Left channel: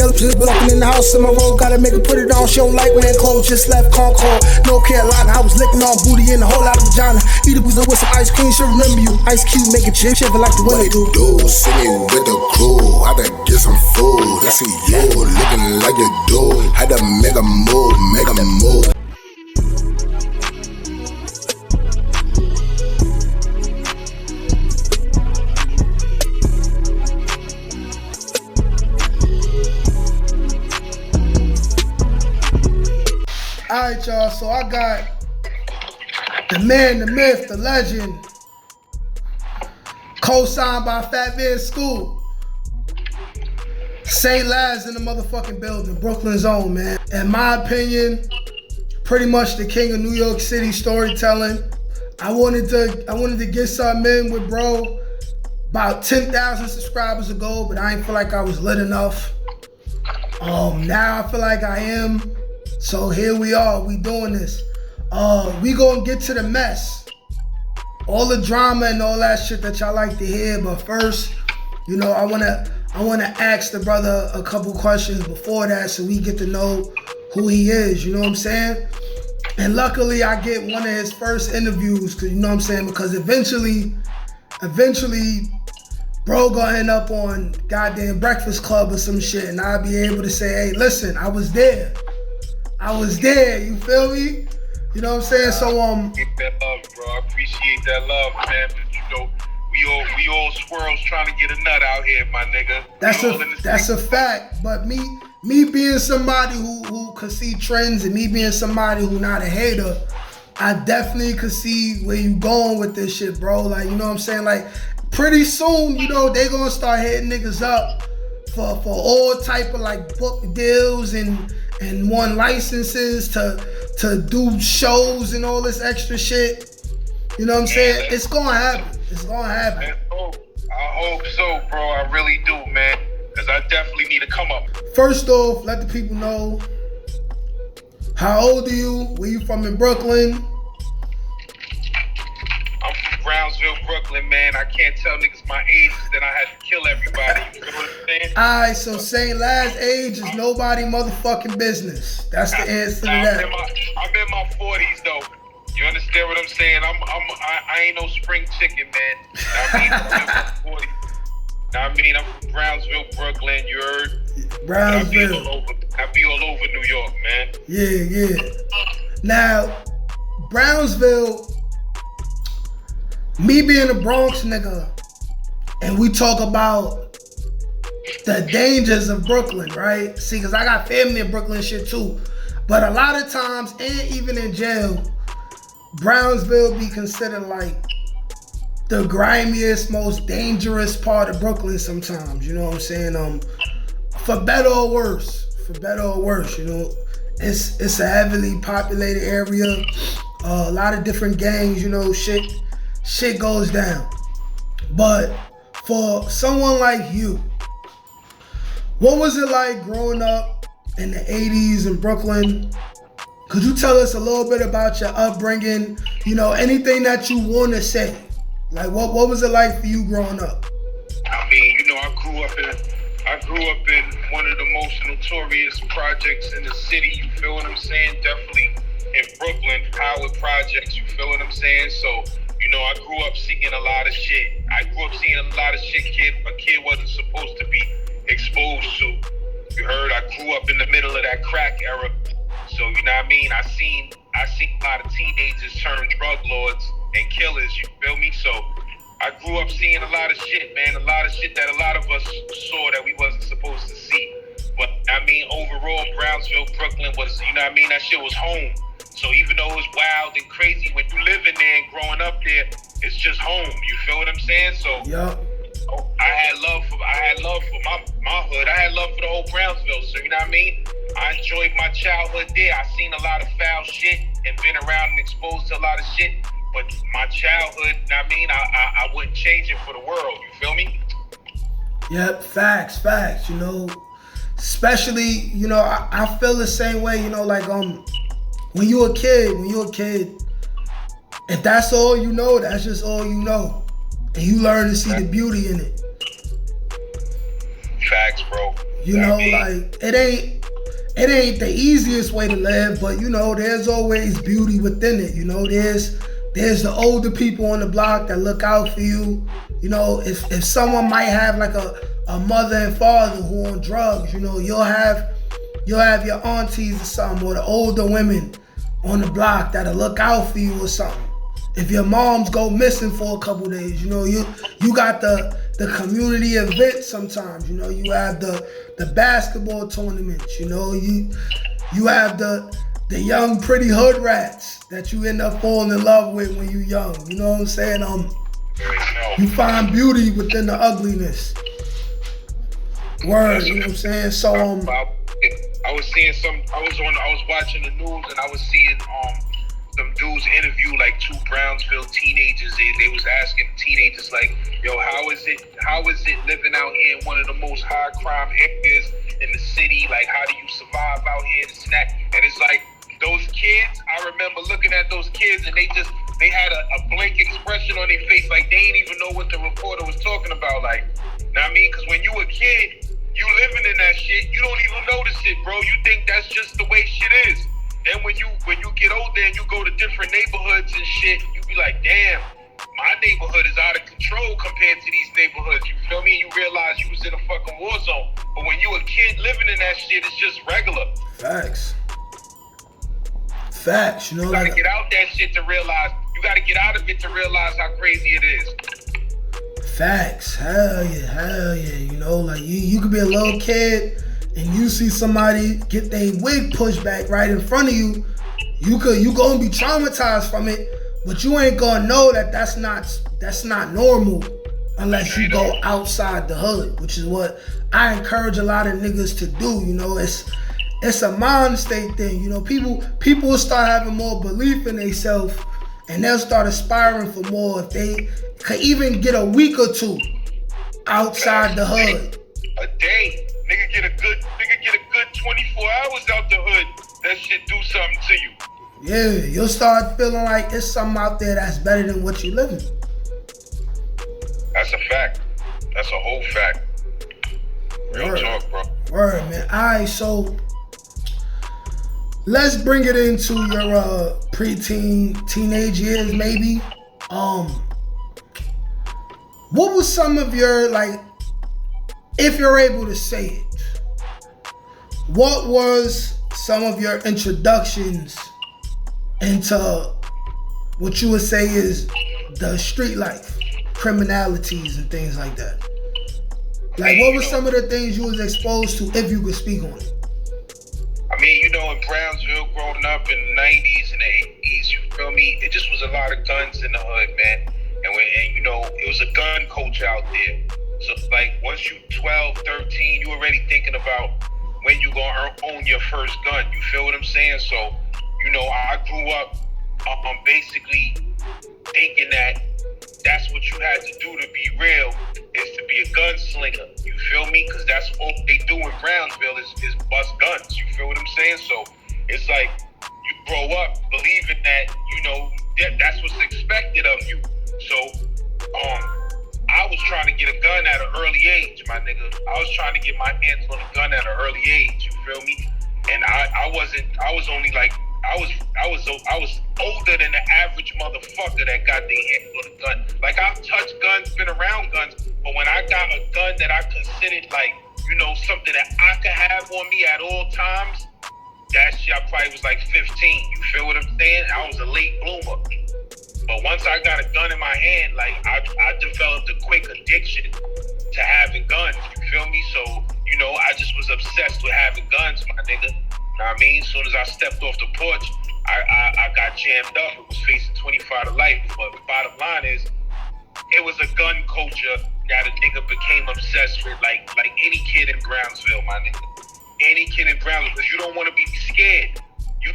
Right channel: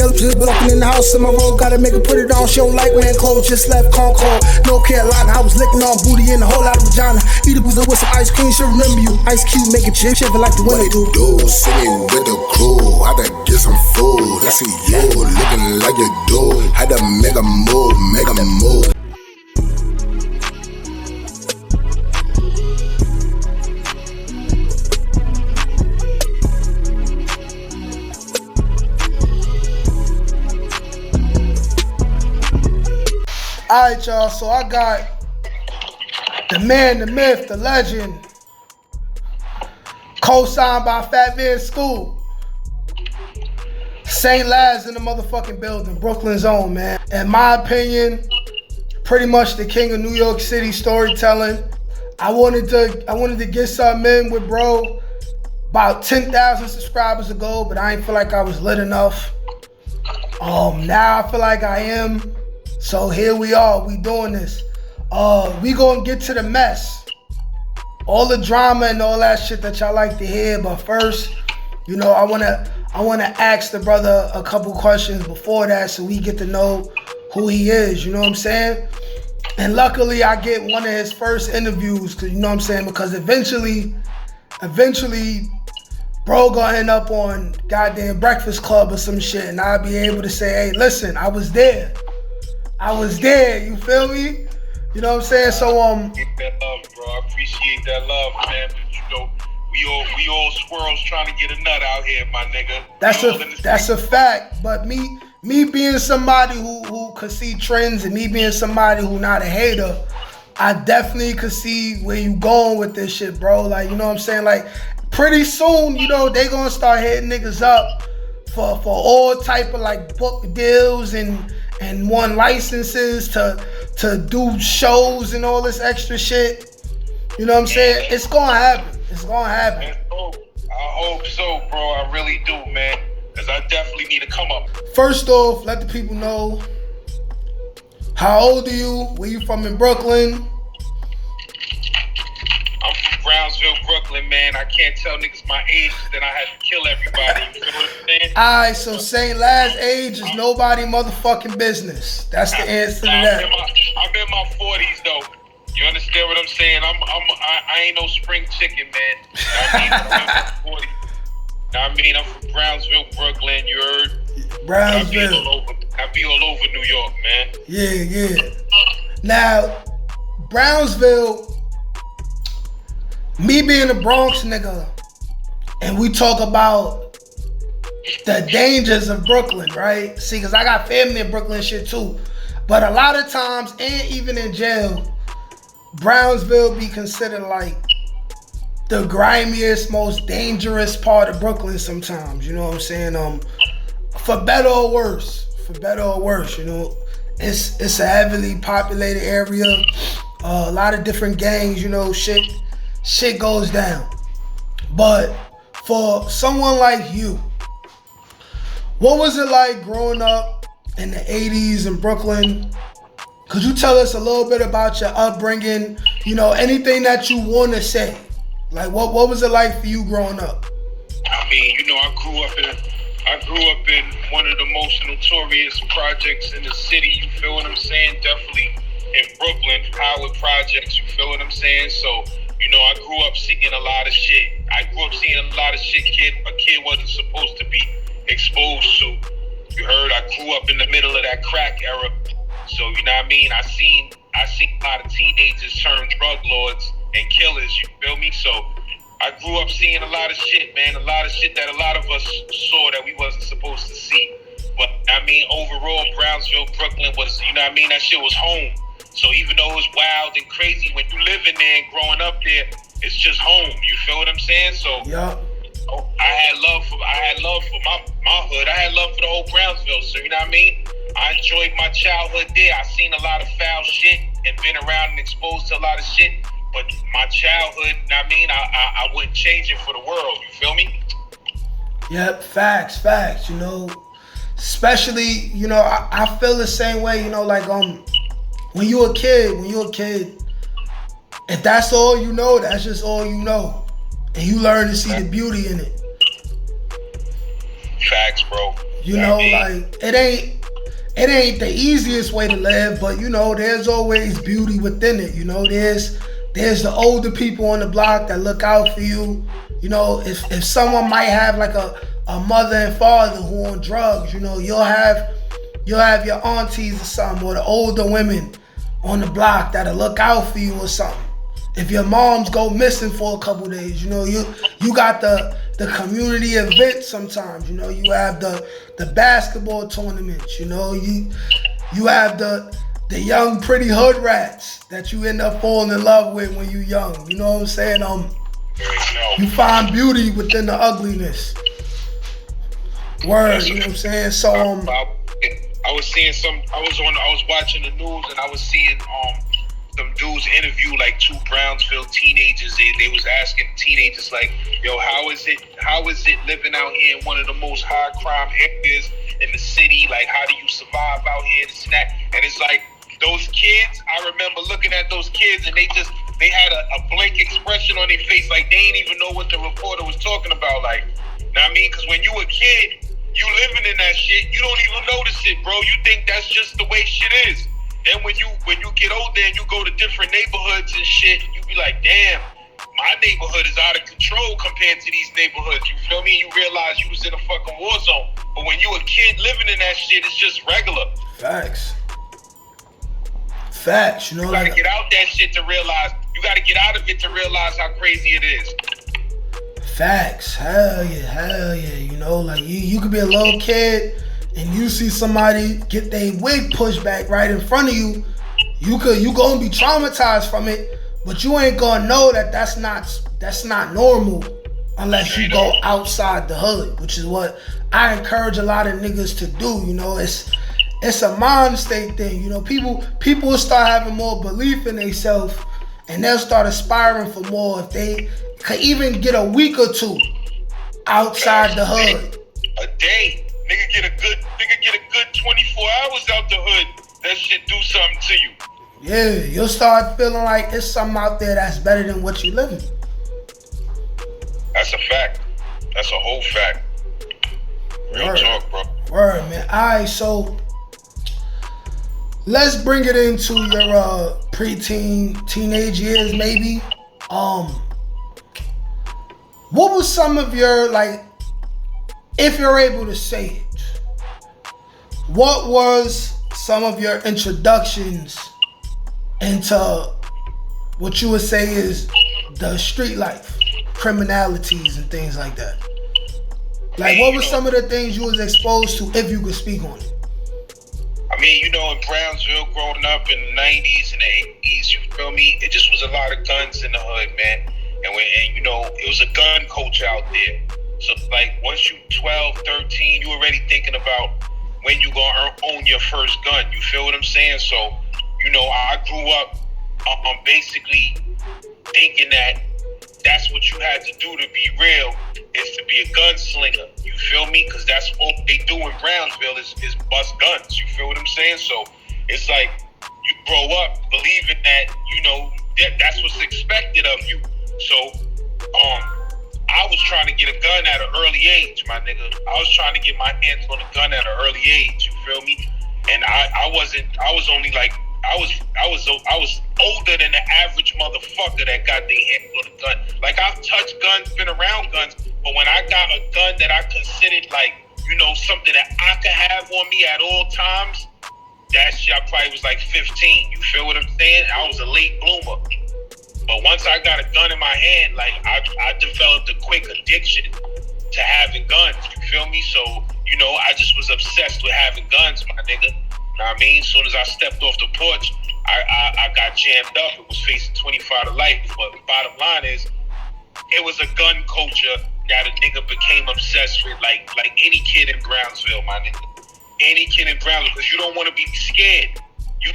Yellow just blocking in the house in my road. Gotta make her put it on. She don't like wearing clothes. Just left Concord, North Carolina. I was licking on booty and a whole lot of vagina. Eat a boozer with some ice cream. She'll remember you. Ice Cube make it chip, shiver like the winter do. See me with the crew. I done get some food. I see you looking like you do. Had to make a move, make a move. Alright, y'all, so I got the man, the myth, the legend, co-signed by Fat Man School, stlaz in the motherfucking building, Brooklyn's own, man. In my opinion, pretty much the king of New York City storytelling. I wanted to get something in with bro about 10,000 subscribers ago, but I ain't feel like I was lit enough. Now I feel like I am. So here we are, we doing this. We gonna get to the mess. All the drama and all that shit that y'all like to hear, but first, you know, I wanna ask the brother a couple questions before that so we get to know who he is, you know what I'm saying? And luckily I get one of his first interviews, cause you know what I'm saying, because eventually, bro gonna end up on goddamn Breakfast Club or some shit, and I'll be able to say, hey, listen, I was there, you feel me? You know what I'm saying? So Get that love, bro. I appreciate that love, man. But you know, we all squirrels trying to get a nut out here, my nigga. That's a fact. But me being somebody who could see trends, and me being somebody who not a hater, I definitely could see where you going with this shit, bro. Like, you know what I'm saying? Like, pretty soon, you know, they gonna start hitting niggas up for all type of like book deals and one licenses to do shows and all this extra shit. You know what I'm saying? It's gonna happen. I hope so, bro. I really do, man. Because I definitely need to come up. First off, let the people know, how old are you? Where you from in Brooklyn? I'm from Brownsville, Brooklyn, man. I can't tell niggas my age, then I had to kill everybody. You feel what I'm saying? Alright, so stlaz age is nobody motherfucking business. That's the answer to that. I'm in my 40s though. You understand what I'm saying? I ain't no spring chicken, man. I'm in my 40s. I'm from Brownsville, Brooklyn. You heard? Brownsville. I be all over New York, man. Yeah. Now, Brownsville, me being a Bronx nigga, and we talk about the dangers of Brooklyn, right? See, because I got family in Brooklyn and shit too. But a lot of times, and even in jail, Brownsville be considered like the grimiest, most dangerous part of Brooklyn sometimes, you know what I'm saying? For better or worse, you know. It's a heavily populated area, a lot of different gangs, you know, shit goes down. But for someone like you, what was it like growing up in the 80s in Brooklyn? Could you tell us a little bit about your upbringing? You know, anything that you want to say. Like, what was it like for you growing up? I mean, you know, I grew up in one of the most notorious projects in the city. You feel what I'm saying? Definitely in Brooklyn, Howard Projects. You feel what I'm saying? So, you know, I grew up seeing a lot of shit. A kid wasn't supposed to be exposed to. You heard? I grew up in the middle of that crack era. So, you know what I mean? I seen a lot of teenagers turn drug lords and killers, you feel me? So I grew up seeing a lot of shit, man. A lot of shit that a lot of us saw that we wasn't supposed to see. But I mean, overall, Brownsville, Brooklyn was, you know what I mean? That shit was home. So even though it was wild and crazy, when you live in there and growing up there, it's just home. You feel what I'm saying? So yeah. I had love for my hood. I had love for the whole Brownsville. So you know what I mean? I enjoyed my childhood there. I seen a lot of foul shit and been around and exposed to a lot of shit. But my childhood, you know what I mean? I wouldn't change it for the world. You feel me? Yep, facts, you know. Especially, you know, I feel the same way, you know, like when you a kid, if that's all you know, that's just all you know. And you learn to see the beauty in it. Facts, bro. You know, like it ain't the easiest way to live, but you know, there's always beauty within it. You know, there's the older people on the block that look out for you. You know, if someone might have like a mother and father who on drugs, you know, you'll have your aunties or something, or the older women on the block that'll look out for you or something. If your moms go missing for a couple days, you know, you got the community events sometimes, you know, you have the basketball tournaments, you know, you have the young pretty hood rats that you end up falling in love with when you're young, you know what I'm saying? You find beauty within the ugliness. Word, you know what I'm saying? So I was watching the news and I was seeing some dudes interview like two Brownsville teenagers. They was asking teenagers like, yo, how is it living out here in one of the most high crime areas in the city? Like, how do you survive out here, this and that? And it's like, those kids, I remember looking at those kids and they had a blank expression on their face, like they didn't even know what the reporter was talking about. Like, you know what I mean? Because when you a kid, you living in that shit, you don't even notice it, bro. You think that's just the way shit is. Then when you get older and you go to different neighborhoods and shit, you be like, damn, my neighborhood is out of control compared to these neighborhoods. You feel me? You realize you was in a fucking war zone. But when you a kid living in that shit, it's just regular. Facts, you know. You gotta get out that shit to realize. You gotta get out of it to realize how crazy it is. Facts, hell yeah, you know, like you could be a little kid and you see somebody get their wig pushed back right in front of you, you gonna be traumatized from it, but you ain't gonna know that that's not normal unless you go outside the hood, which is what I encourage a lot of niggas to do. You know, it's a mind state thing. You know, people will start having more belief in themselves and they'll start aspiring for more if they could even get a week or two outside the hood. A day. Nigga get a good 24 hours out the hood. That shit do something to you. Yeah, you'll start feeling like it's something out there that's better than what you live in. That's a fact. That's a whole fact. Real talk, bro. Word, man. Alright, so let's bring it into your preteen, teenage years, maybe. What was some of your, like, if you're able to say it, what was some of your introductions into what you would say is the street life, criminalities and things like that? Like, what were some of the things you was exposed to, if you could speak on it? I mean, you know, in Brownsville, growing up in the 90's and the 80's, you feel me? It just was a lot of guns in the hood, man. And you know, it was a gun culture out there. So, like, once you 12, 13, you already thinking about when you gonna own your first gun. You feel what I'm saying? So, you know, I grew up basically thinking that that's what you had to do to be real, is to be a gunslinger. You feel me? Because that's all they do in Brownsville is bust guns. You feel what I'm saying? So, it's like you grow up believing that, you know, that's what's expected of you. So, I was trying to get a gun at an early age, my nigga. I was trying to get my hands on a gun at an early age. You feel me? And I was older than the average motherfucker that got their hands on a gun. Like, I've touched guns, been around guns, but when I got a gun that I considered, like, you know, something that I could have on me at all times, that shit, I probably was like 15. You feel what I'm saying? I was a late bloomer. But once I got a gun in my hand, like, I developed a quick addiction to having guns. You feel me? So, you know, I just was obsessed with having guns, my nigga. Know what I mean? As soon as I stepped off the porch, I got jammed up. It was facing 25 to life. But the bottom line is, it was a gun culture that a nigga became obsessed with, like any kid in Brownsville, my nigga. Any kid in Brownsville, because you don't want to be scared. You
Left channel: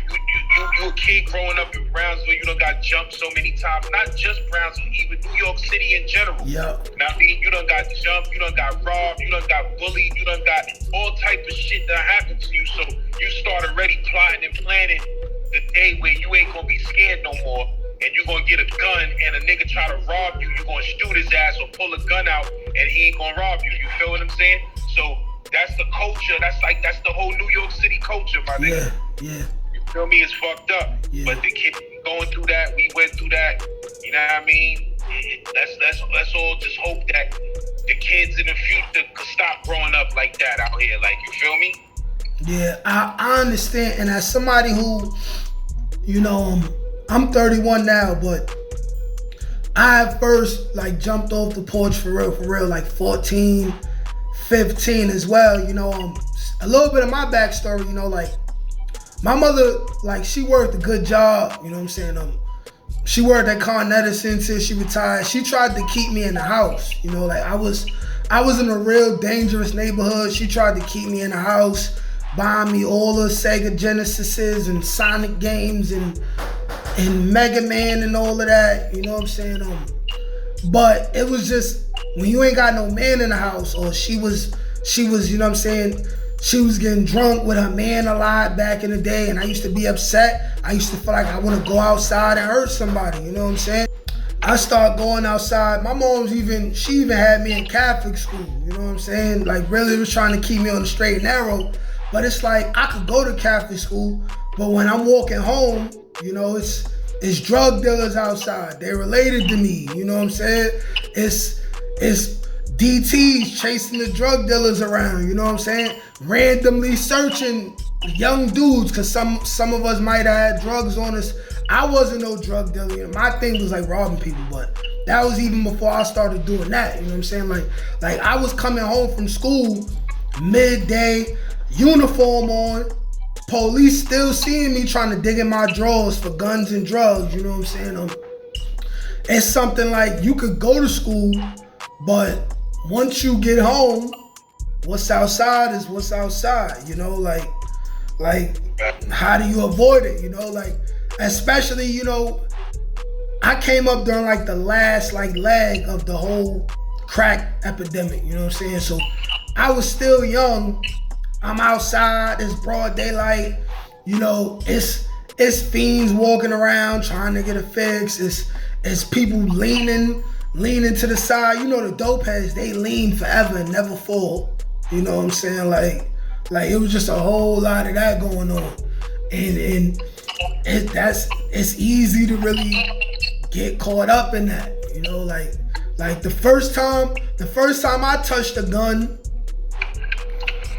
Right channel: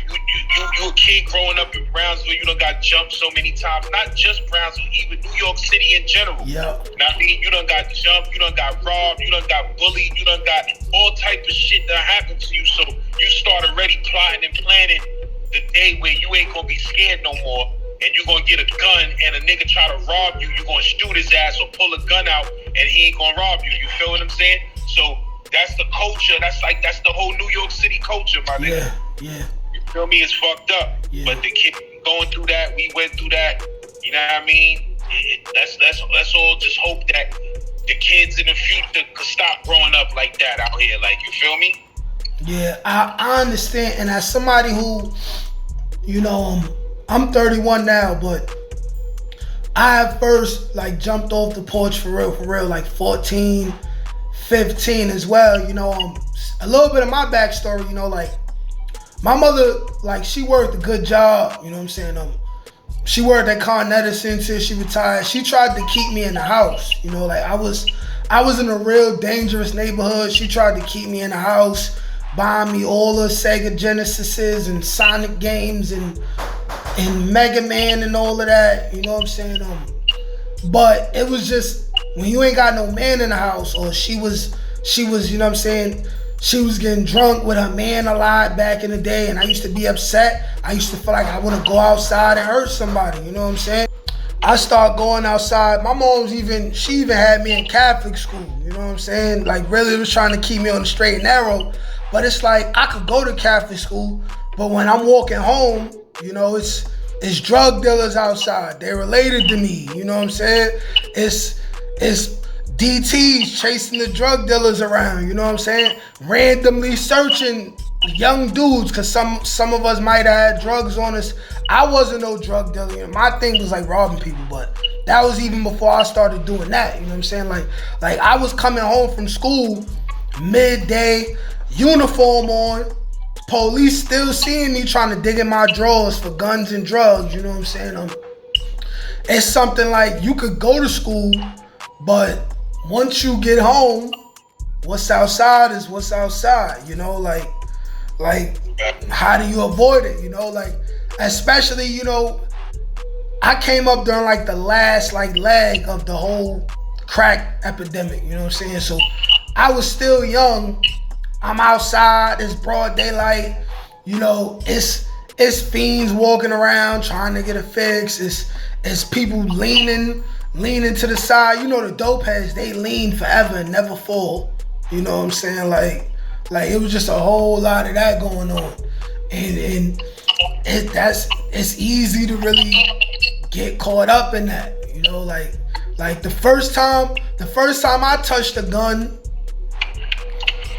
a kid growing up in Brownsville, you done got jumped so many times. Not just Brownsville, even New York City in general. Yeah. Now, I mean, you done got jumped, you done got robbed, you done got bullied, you done got all type of shit that happened to you. So you start already plotting and planning the day where you ain't gonna be scared no more, and you're gonna get a gun and a nigga try to rob you, you're gonna shoot his ass or pull a gun out and he ain't gonna rob you. You feel what I'm saying? So that's the culture. That's the whole New York City culture, my nigga. Yeah. You feel me? It's fucked up. Yeah. But the kid going through that, we went through that. You know what I mean? Let's all just hope that the kids in the future could stop growing up like that out here. Like, you feel me? Yeah, I understand. And as somebody who, you know, I'm 31 now, but I have first like jumped off the porch for real, like 14, 15 as well. You know, a little bit of my backstory, you know, like my mother, like she worked a good job, you know what I'm saying? She worked at Con Edison until she retired. She tried to keep me in the house, you know, like I was in a real dangerous neighborhood. She tried to keep me in the house, buying me all the Sega Genesises and Sonic games and Mega Man and all of that, you know what I'm saying? But it was just, when you ain't got no man in the house, or she was, you know what I'm saying, she was getting drunk with her man a lot back in the day, and I used to be upset. I used to feel like I want to go outside and hurt somebody, you know what I'm saying? I started going outside. My mom's she even had me in Catholic school, you know what I'm saying? Like really was trying to keep me on the straight and narrow. But it's like, I could go to Catholic school, but when I'm walking home, you know, it's drug dealers outside. They're related to me, you know what I'm saying? It's DTs chasing the drug dealers around, you know what I'm saying? Randomly searching young dudes, because some of us might have had drugs on us. I wasn't no drug dealer. My thing was like robbing people, but that was even before I started doing that, you know what I'm saying? Like I was coming home from school, midday, uniform on, police still seeing me trying to dig in my drawers for guns and drugs, you know what I'm saying? It's something like, you could go to school, but once you get home, what's outside is what's outside, you know, like how do you avoid it, you know, like, especially, you know, I came up during like the last like leg of the whole crack epidemic, you know what I'm saying? So I was still young, I'm outside, it's broad daylight, you know, it's fiends walking around trying to get a fix, it's people leaning to the side. You know, the dope heads, they lean forever and never fall. You know what I'm saying? Like it was just a whole lot of that going on. And it's easy to really get caught up in that. You know, like the first time I touched a gun,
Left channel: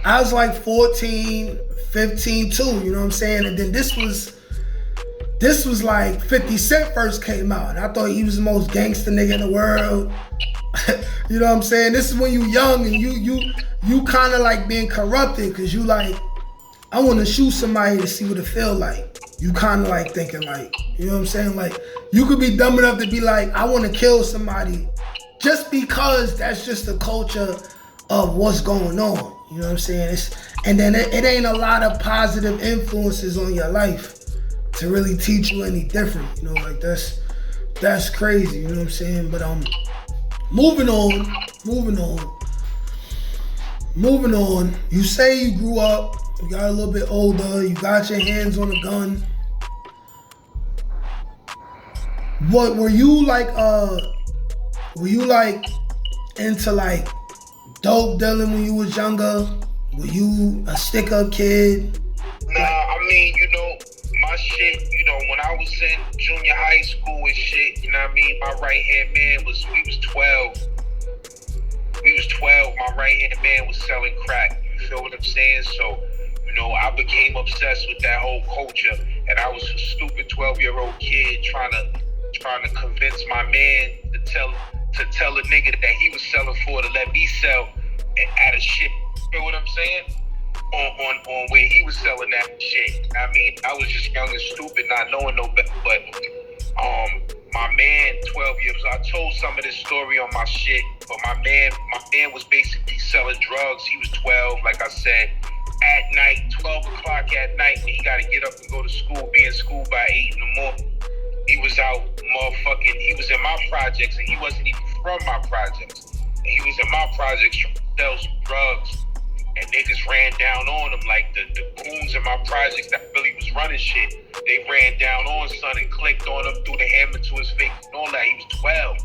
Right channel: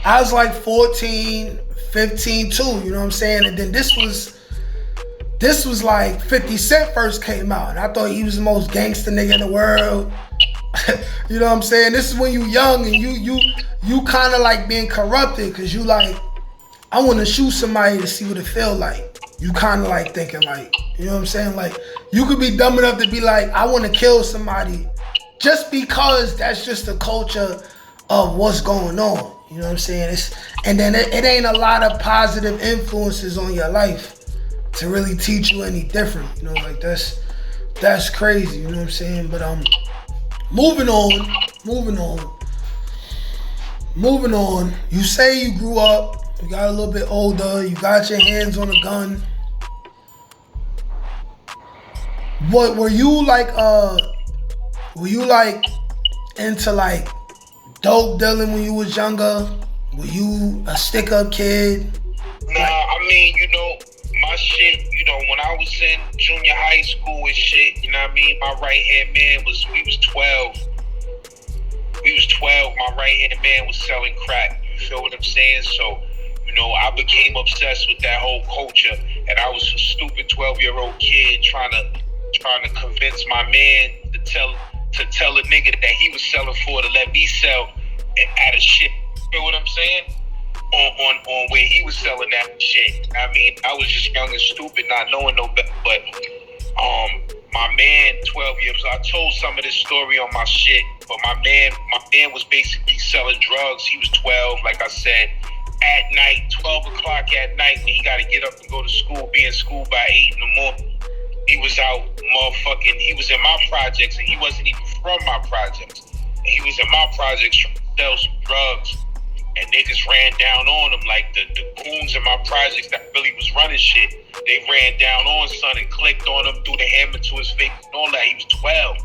I was like 14, 15 too, you know what I'm saying? And then this was like 50 Cent first came out, and I thought he was the most gangster nigga in the world. You know what I'm saying? This is when you young and you kind of like being corrupted, because you like, I want to shoot somebody to see what it feel like. You kind of like thinking like, you know what I'm saying? Like, you could be dumb enough to be like, I want to kill somebody just because that's just the culture of what's going on. You know what I'm saying? And then it ain't a lot of positive influences on your life to really teach you any different, you know, like that's crazy, you know what I'm saying? But moving on. You say you grew up, you got a little bit older, you got your hands on a gun. What were you like into like dope dealing when you was younger? Were you a stick-up kid? Nah, I mean, you know, my shit, you know, when I was in junior high school and shit, you know what I mean? My right-hand man we was 12. My right-hand man was selling crack. You feel what I'm saying? So, you know, I became obsessed with that whole culture, and I was a stupid 12-year-old kid trying to convince my man to tell a nigga that he was selling for to let me sell at a shit. You feel what I'm saying? On where he was selling that shit. I mean, I was just young and stupid, not knowing no better. But my man, 12 years, I told some of this story on my shit. But my man was basically selling drugs. He was 12, like I said, at night, 12 o'clock at night, when he got to get up and go to school, be in school by 8 in the morning. He was out he was in my projects, and he wasn't even from my projects. And he was in my projects trying to sell some drugs. And niggas ran down on him, like the goons in my projects that really was running shit. They ran down on son and clicked on him, threw the hammer to his face and all that. He was 12.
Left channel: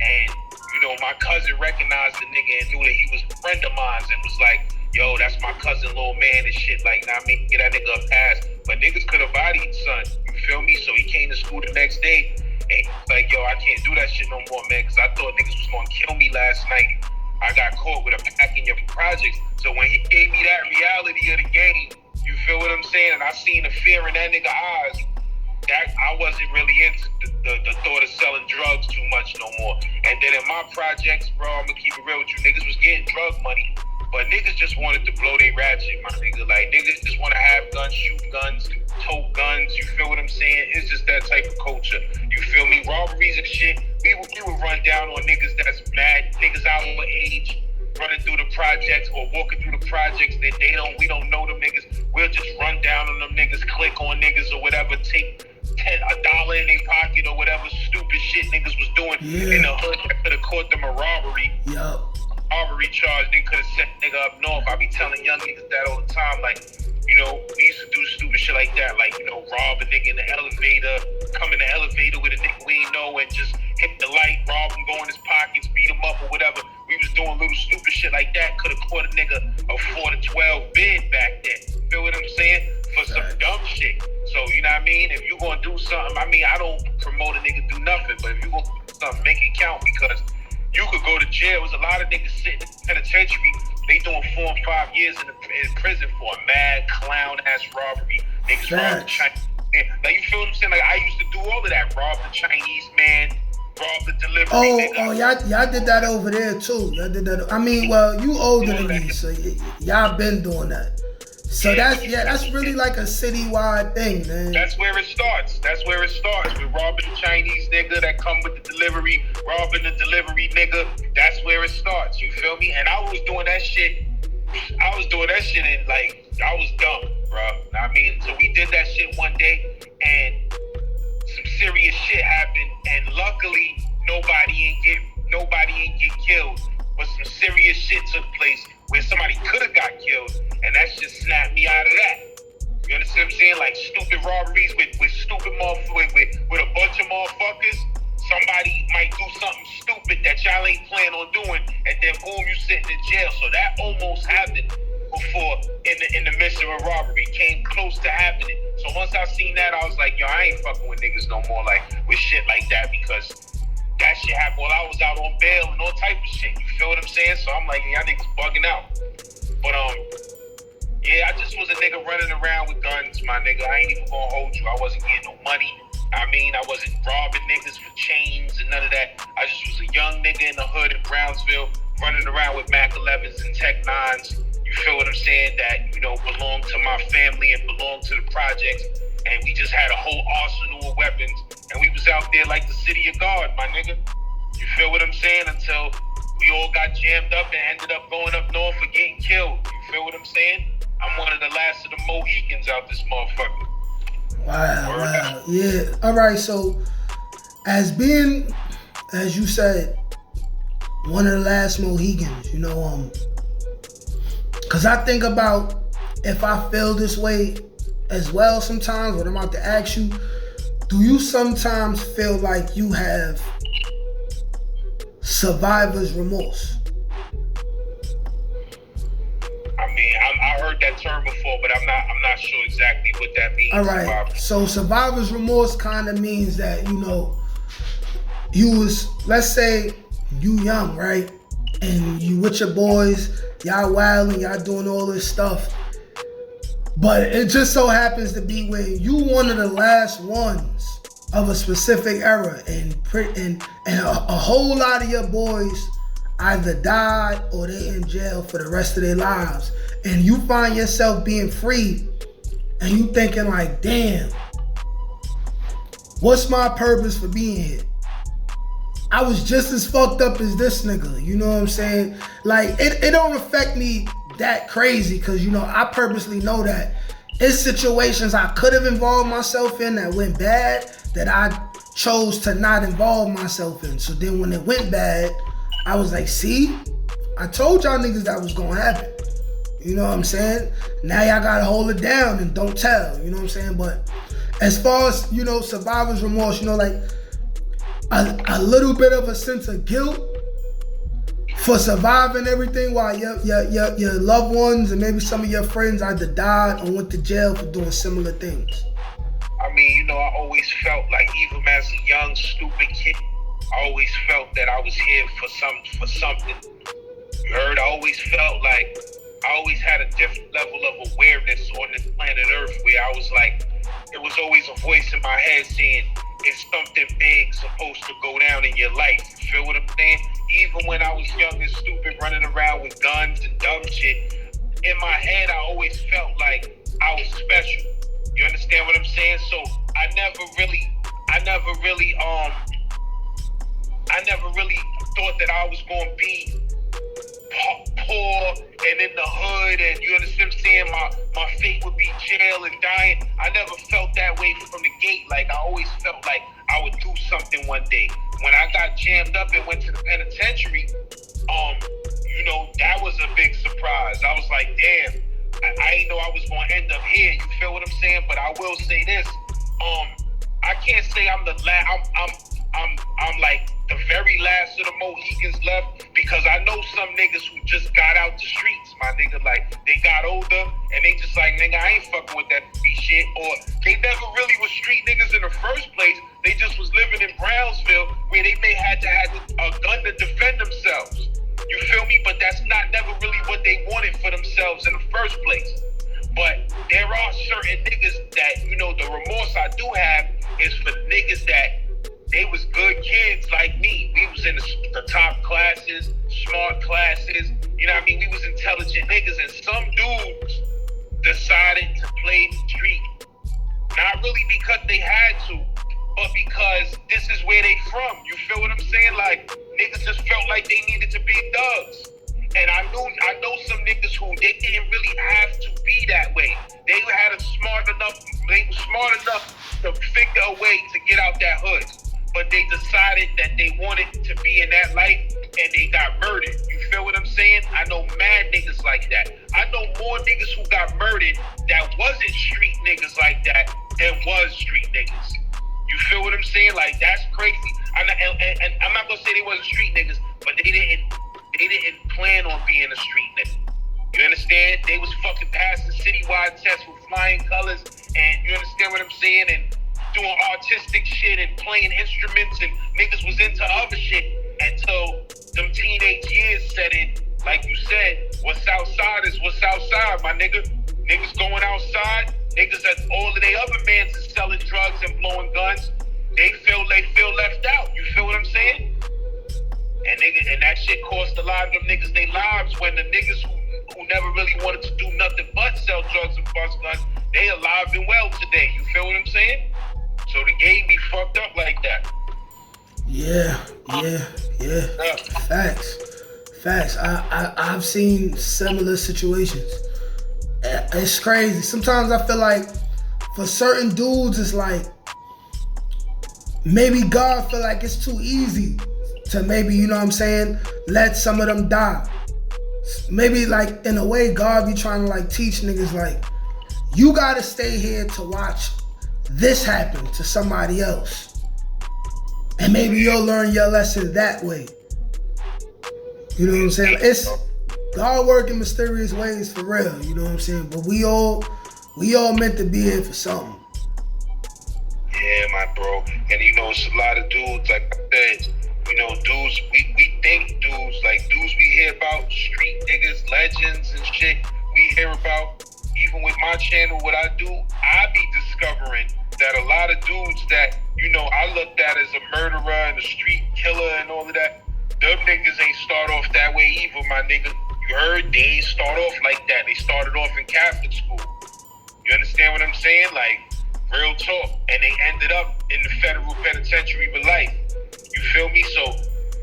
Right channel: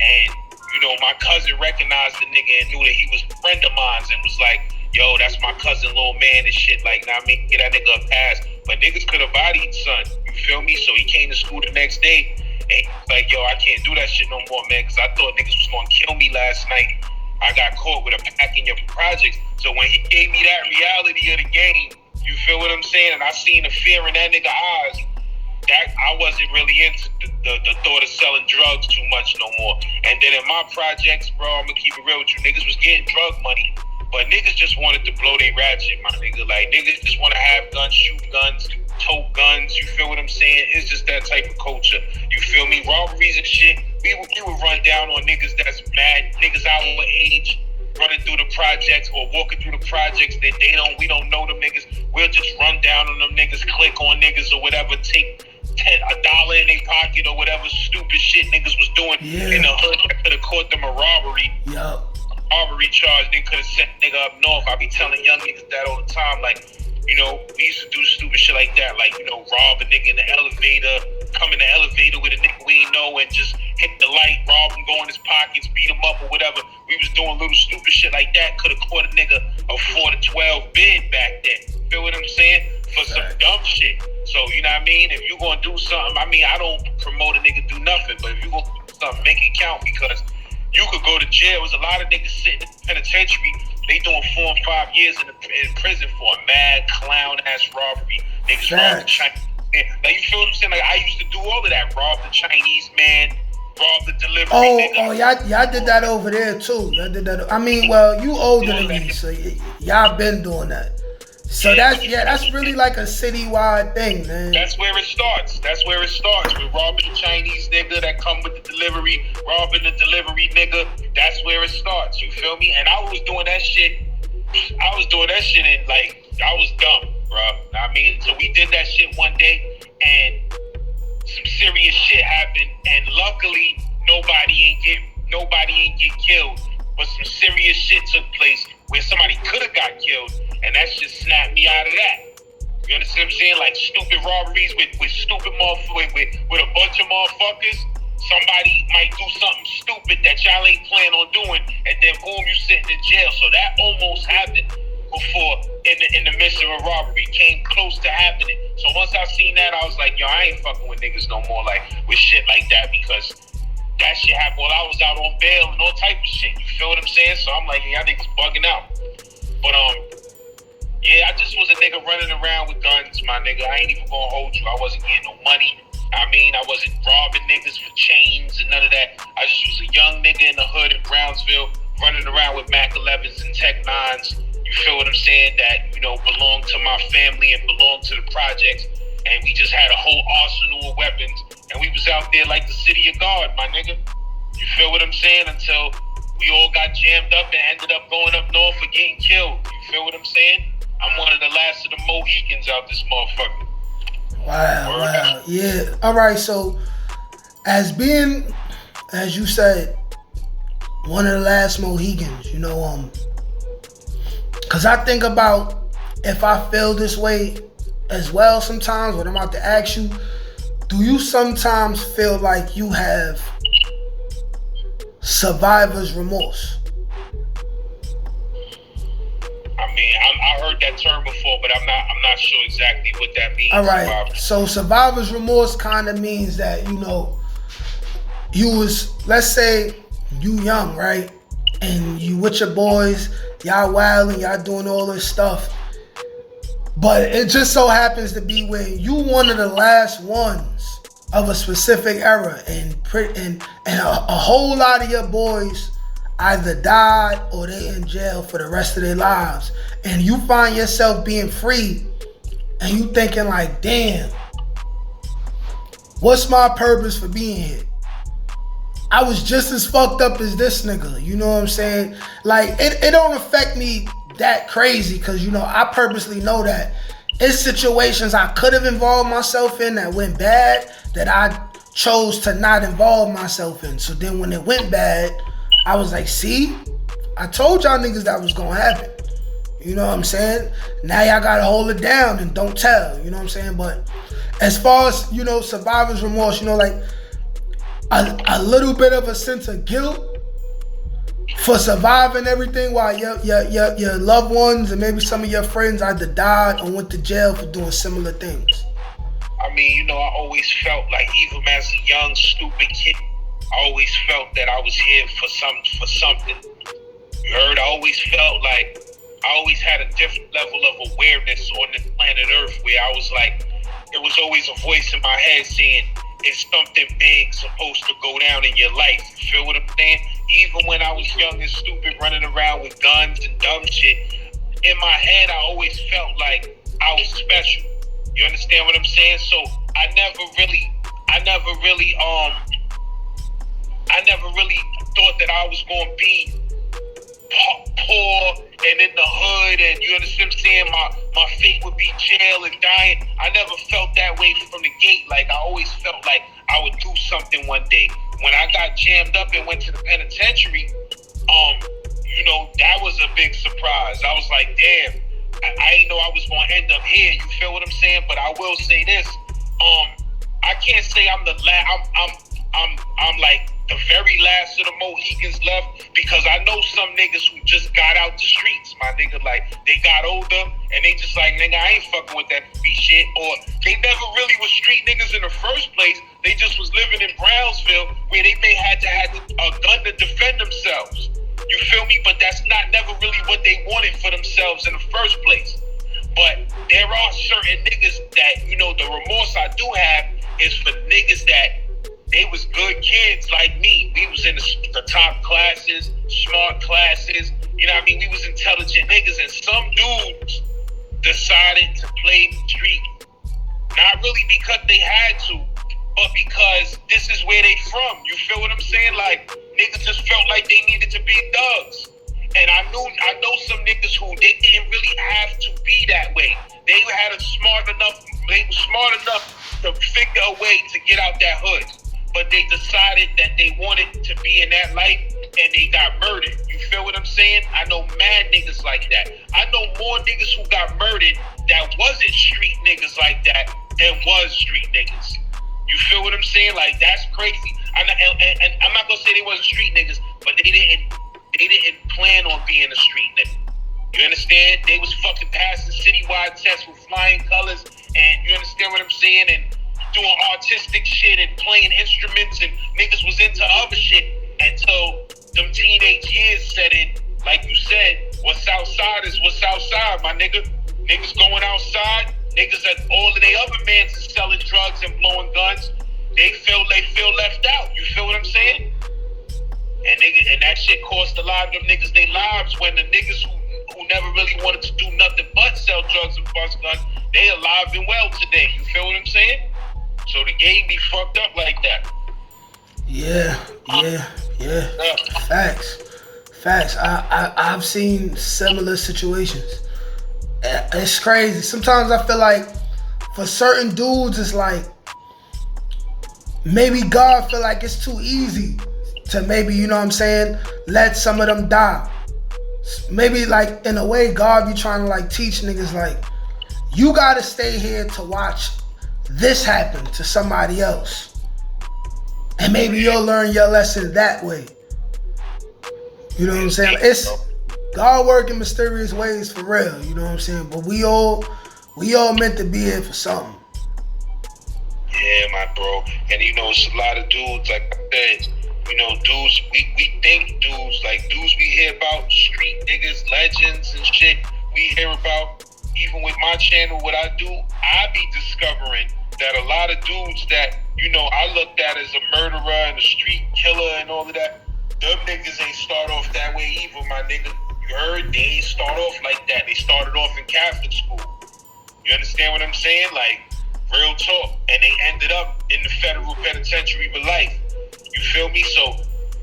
And, you know, my cousin recognized the nigga and knew that he was a friend of mine and was like, yo, that's my cousin, little man and shit. Like, nah, I mean, get that nigga a pass. But niggas could have bodied son. You feel me? So he came to school the next day and like, yo, I can't do that shit no more, man, because I thought niggas was gonna kill me last night. I got caught with a pack in your projects. So when he gave me that reality of the game, you feel what I'm saying? And I seen the fear in that nigga eyes. That I wasn't really into the thought of selling drugs too much no more. And then in my projects, bro, I'm gonna keep it real with you. Niggas was getting drug money, but niggas just wanted to blow their ratchet, my nigga. Like, niggas just want to have guns, shoot guns, tote guns. You feel what I'm saying? It's just that type of culture. You feel me? Robberies and shit. We would run down on niggas that's mad, niggas our age, running through the projects or walking through the projects that we don't know them niggas. We'll just run down on them niggas, click on niggas or whatever, take $1 in their pocket or whatever stupid shit niggas was doing in the hood. That could have caught them a robbery. Yup. Robbery charge, they could have sent nigga up north. I be telling young niggas that all the time, like, you know, we used to do stupid shit like that, like, you know, rob a nigga in the elevator, come in the elevator with a nigga we ain't know and just hit the light, rob him, go in his pockets, beat him up or whatever. We was doing little stupid shit like that. Could have caught a nigga a 4 to 12 bid back then. Feel what I'm saying? For some dumb shit. So, you know what I mean? If you gonna do something, I mean, I don't promote a nigga do nothing, but if you gonna do something, make it count, because you could go to jail. There's a lot of niggas sitting in the penitentiary. They doing 4 and 5 years in prison for a mad clown ass robbery. Niggas robbed the Chinese man. Like, you feel what I'm saying? Like, I used to do all of that. Rob the Chinese man, rob the delivery nigga. Oh, y'all did that over there too. Y'all did that. I mean, well, you older than me, so y'all been doing that. So that's really like a citywide thing, man. That's where it starts. With robbing the Chinese nigga that come with the delivery, robbing the delivery nigga. That's where it starts. You feel me? And I was doing that shit and like, I was dumb, bro. I mean, so we did that shit one day and some serious shit happened, and luckily nobody ain't get killed. But some serious shit took place where somebody could have got killed, and that shit snapped me out of that. You understand what I'm saying? Like, stupid robberies with stupid motherfuckers, with a bunch of motherfuckers. Somebody might do something stupid that y'all ain't plan on doing, and then boom, you sitting in jail. So that almost happened before in the midst of a robbery. Came close to happening. So once I seen that, I was like, yo, I ain't fucking with niggas no more, like, with shit like that, because that shit happened while I was out on bail and all type of shit. You feel what I'm saying? So I'm like, yeah, y'all niggas bugging out. But yeah, I just was a nigga running around with guns, my nigga. I ain't even gonna hold you. I wasn't getting no money. I mean, I wasn't robbing niggas for chains and none of that. I just was a young nigga in the hood in Brownsville, running around with Mac 11s and Tech 9s. You feel what I'm saying? That, you know, belonged to my family and belonged to the projects. And we just had a whole arsenal of weapons. And we was out there like the city of God, my nigga. You feel what I'm saying? Until we all got jammed up and ended up going up north for getting killed. You feel what I'm saying? I'm one of the last of the Mohicans out this motherfucker. Wow. Yeah. All right. So, as you said, one of the last Mohicans, you know, because I think about if I feel this way as well sometimes, when I'm about to ask you, do you sometimes feel like you have survivor's remorse? I mean, I heard that term before, but I'm not sure exactly what that means. All right. So survivor's remorse kind of means that, you know, let's say you young, right? And you with your boys, y'all wilding, y'all doing all this stuff. But it just so happens to be where you one of the last ones of a specific era, and a whole lot of your boys either died or they in jail for the rest of their lives. And you find yourself being free and you thinking like, damn, what's my purpose for being here? I was just as fucked up as this nigga, you know what I'm saying? Like, it don't affect me that crazy, because, you know, I purposely know that it's situations I could have involved myself in that went bad that I chose to not involve myself in. So then when it went bad, I was like, see, I told y'all niggas that was gonna happen. You know what I'm saying? Now y'all gotta hold it down and don't tell, you know what I'm saying? But as far as, you know, survivor's remorse, you know, like a little bit of a sense of guilt, For surviving everything while your loved ones and maybe some of your friends either died or went to jail for doing similar things? I mean, you know, I always felt like, even as a young, stupid kid, I always felt that I was here for something. You heard? I always felt like I always had a different level of awareness on this planet Earth, where I was like, there was always a voice in my head saying, it's something big supposed to go down in your life. You feel what I'm saying? Even when I was young and stupid, running around with guns and dumb shit, in my head, I always felt like I was special. You understand what I'm saying? So I never really thought that I was going to be poor and in the hood, and you understand what I'm saying? My fate would be jail and dying. I never felt that way from the gate. Like, I always felt like I would do something one day. When I got jammed up and went to the penitentiary, you know, that was a big surprise. I was like, damn, I didn't know I was gonna end up here. You feel what I'm saying? But I will say this: I can't say I'm the last. I'm like the very last of the Mohicans left, because I know some niggas who just got out the streets, my nigga. Like, they got older and they just like, nigga, I ain't fucking with that beat shit. Or they never really was street niggas in the first place. They just was living in Brownsville, where they may had to have a gun to defend themselves. You feel me? But that's never really what they wanted for themselves in the first place. But there are certain niggas that, you know, the remorse I do have is for niggas that they was good kids like me. We was in the top classes, smart classes. You know what I mean? We was intelligent niggas, and some dudes decided to play the street. Not really because they had to, but because this is where they from. You feel what I'm saying? Like, niggas just felt like they needed to be thugs. And I know some niggas who they didn't really have to be that way. They were smart enough to figure a way to get out that hood. But they decided that they wanted to be in that life, and they got murdered. You feel what I'm saying? I know mad niggas like that. I know more niggas who got murdered that wasn't street niggas like that than was street niggas. You feel what I'm saying? Like, that's crazy. And I'm not gonna say they wasn't street niggas, but they didn't plan on being a street nigga. You understand? They was fucking passing citywide tests with flying colors, and you understand what I'm saying? And doing artistic shit and playing instruments, and niggas was into other shit until them teenage years set in. Like you said, what's outside is what's outside, my nigga. Niggas going outside, niggas that all of they other mans is selling drugs and blowing guns, they feel left out. You feel what I'm saying? And that shit cost a lot of them niggas their lives, when the niggas who never really wanted to do nothing but sell drugs and bust guns, they alive and well today. You feel what I'm saying? So the game be fucked up like that. Yeah. Facts. I've seen similar situations. It's crazy. Sometimes I feel like for certain dudes, it's like maybe God feel like it's too easy to maybe, you know what I'm saying, let some of them die. Maybe like in a way God be trying to like teach niggas like, you gotta stay here to watch this happen to somebody else, and maybe you'll learn your lesson that way. You know what I'm saying? It's God working mysterious ways for real. You know what I'm saying? But we all meant to be here for something. Yeah, my bro. And you know, it's a lot of dudes, like I said, you know, dudes, we think dudes we hear about, street niggas, legends and shit, we hear about. Even with my channel, what I do, I be discovering that a lot of dudes that, you know, I looked at as a murderer and a street killer and all of that, them niggas ain't start off that way either, my nigga. You heard? They ain't start off like that. They started off in Catholic school. You understand what I'm saying? Like, real talk. And they ended up in the federal penitentiary for life. You feel me? So,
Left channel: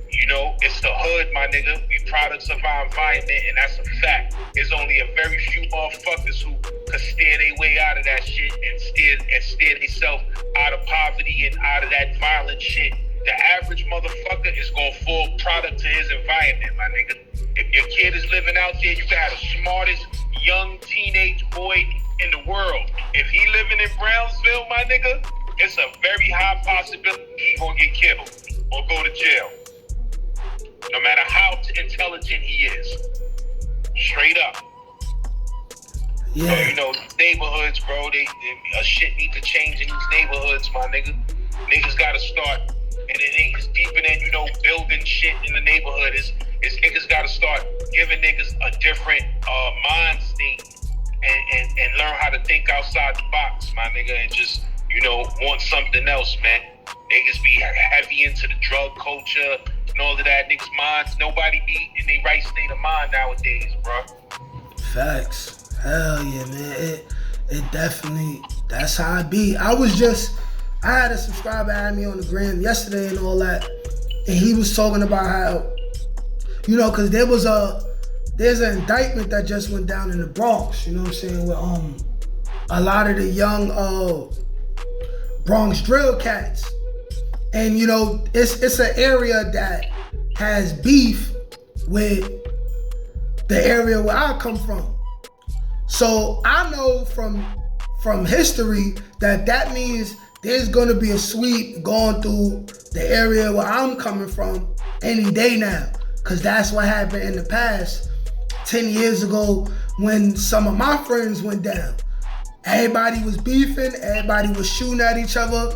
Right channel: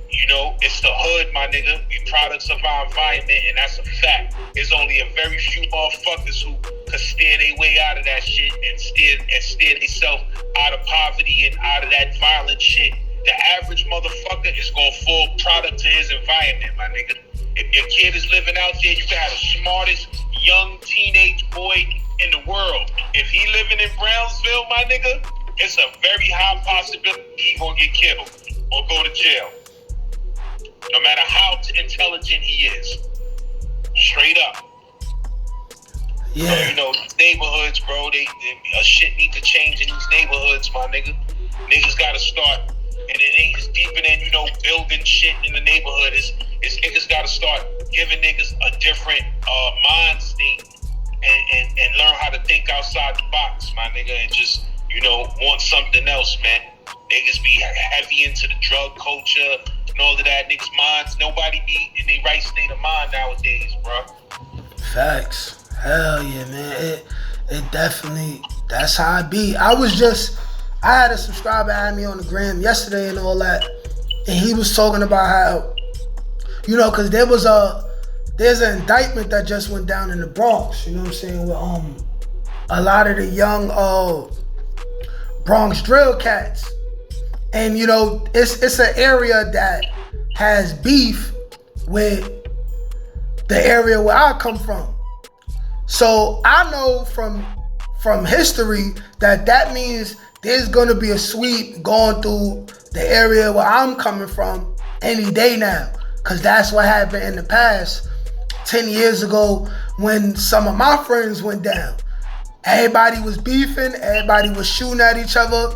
you know, it's the hood, my nigga. We products of our environment, and that's a fact. There's only a very few motherfuckers who could steer their way out of that shit and steer themselves out of poverty and out of that violent shit. The average motherfucker is gonna fall product to his environment, my nigga. If your kid is living out there, you can have the smartest young teenage boy in the world. If he living in Brownsville, my nigga, it's a very high possibility he gonna get killed or go to jail. No matter how intelligent he is. Straight up. Yeah. So, you know, neighborhoods, bro, shit need to change in these neighborhoods, my nigga. Niggas gotta start, and it ain't deeper than, you know, building shit in the neighborhood. Is niggas gotta start giving niggas a different mind state and learn how to think outside the box, my nigga, and just, you know, want something else, man. Niggas be heavy into the drug culture and all of that. Niggas' minds, nobody be in their right state of mind nowadays, bro. Facts. Hell yeah, man. It definitely, that's how I be. I had a subscriber add me on the gram yesterday and all that, and he was talking about how, you know, because there's an indictment that just went down in the Bronx, you know what I'm saying, with a lot of the young Bronx drill cats. And, you know, it's an area that has beef with the area where I come from. So I know from history that means there's gonna be a sweep going through the area where I'm coming from any day now. Cause that's what happened in the past 10 years ago when some of my friends went down. Everybody was beefing, everybody was shooting at each other,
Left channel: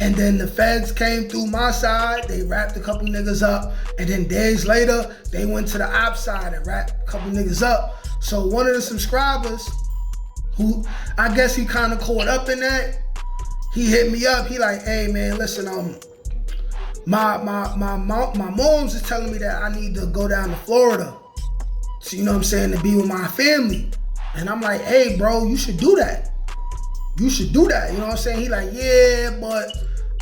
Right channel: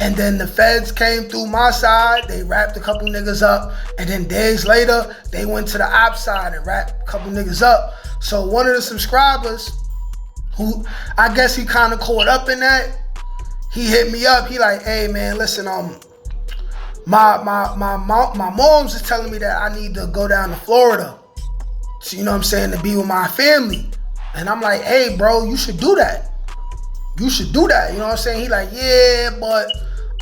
and then the feds came through my side, they wrapped a couple niggas up, and then days later, they went to the op side and wrapped a couple niggas up. So one of the subscribers, who I guess he kind of caught up in that, he hit me up. He like, hey man, listen, my mom's is telling me that I need to go down to Florida, so, you know what I'm saying, to be with my family. And I'm like, hey bro, you should do that. You should do that. You know what I'm saying? He like, yeah, but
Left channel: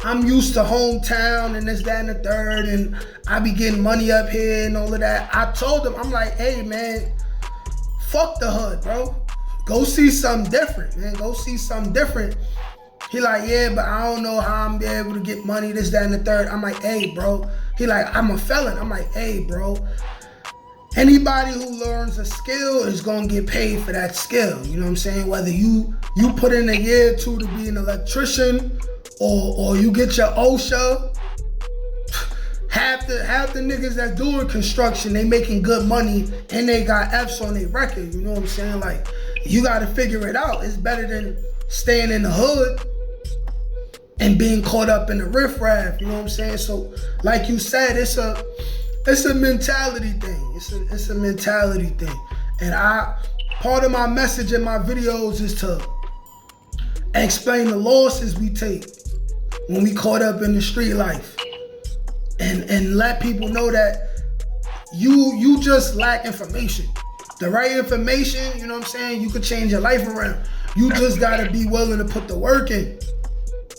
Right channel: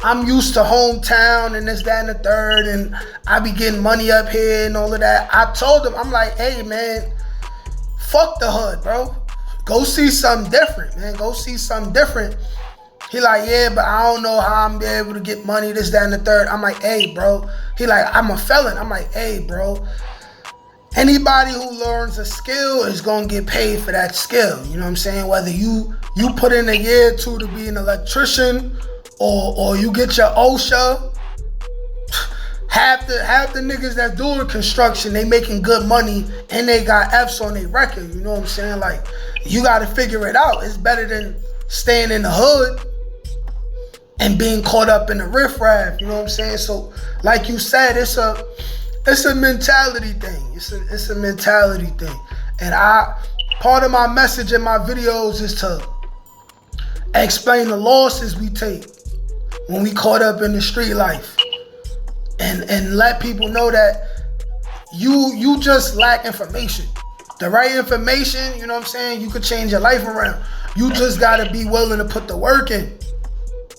I'm used to hometown and this, that, and the third, and I be getting money up here and all of that. I told him, I'm like, hey man, fuck the hood, bro. Go see something different, man. Go see something different. He like, yeah, but I don't know how I'm be able to get money, this, that, and the third. I'm like, hey, bro. He like, I'm a felon. I'm like, hey, bro. Anybody who learns a skill is gonna get paid for that skill. You know what I'm saying? Whether you put in a year or two to be an electrician or you get your OSHA, half the niggas that doing construction, they making good money and they got F's on their record. You know what I'm saying? Like, you gotta figure it out. It's better than staying in the hood and being caught up in the riffraff. You know what I'm saying? So, like you said, it's a mentality thing. It's a mentality thing. And part of my message in my videos is to explain the losses we take when we caught up in the street life. And let people know that you just lack information. The right information, you know what I'm saying, you could change your life around. You just gotta be willing to put the work in.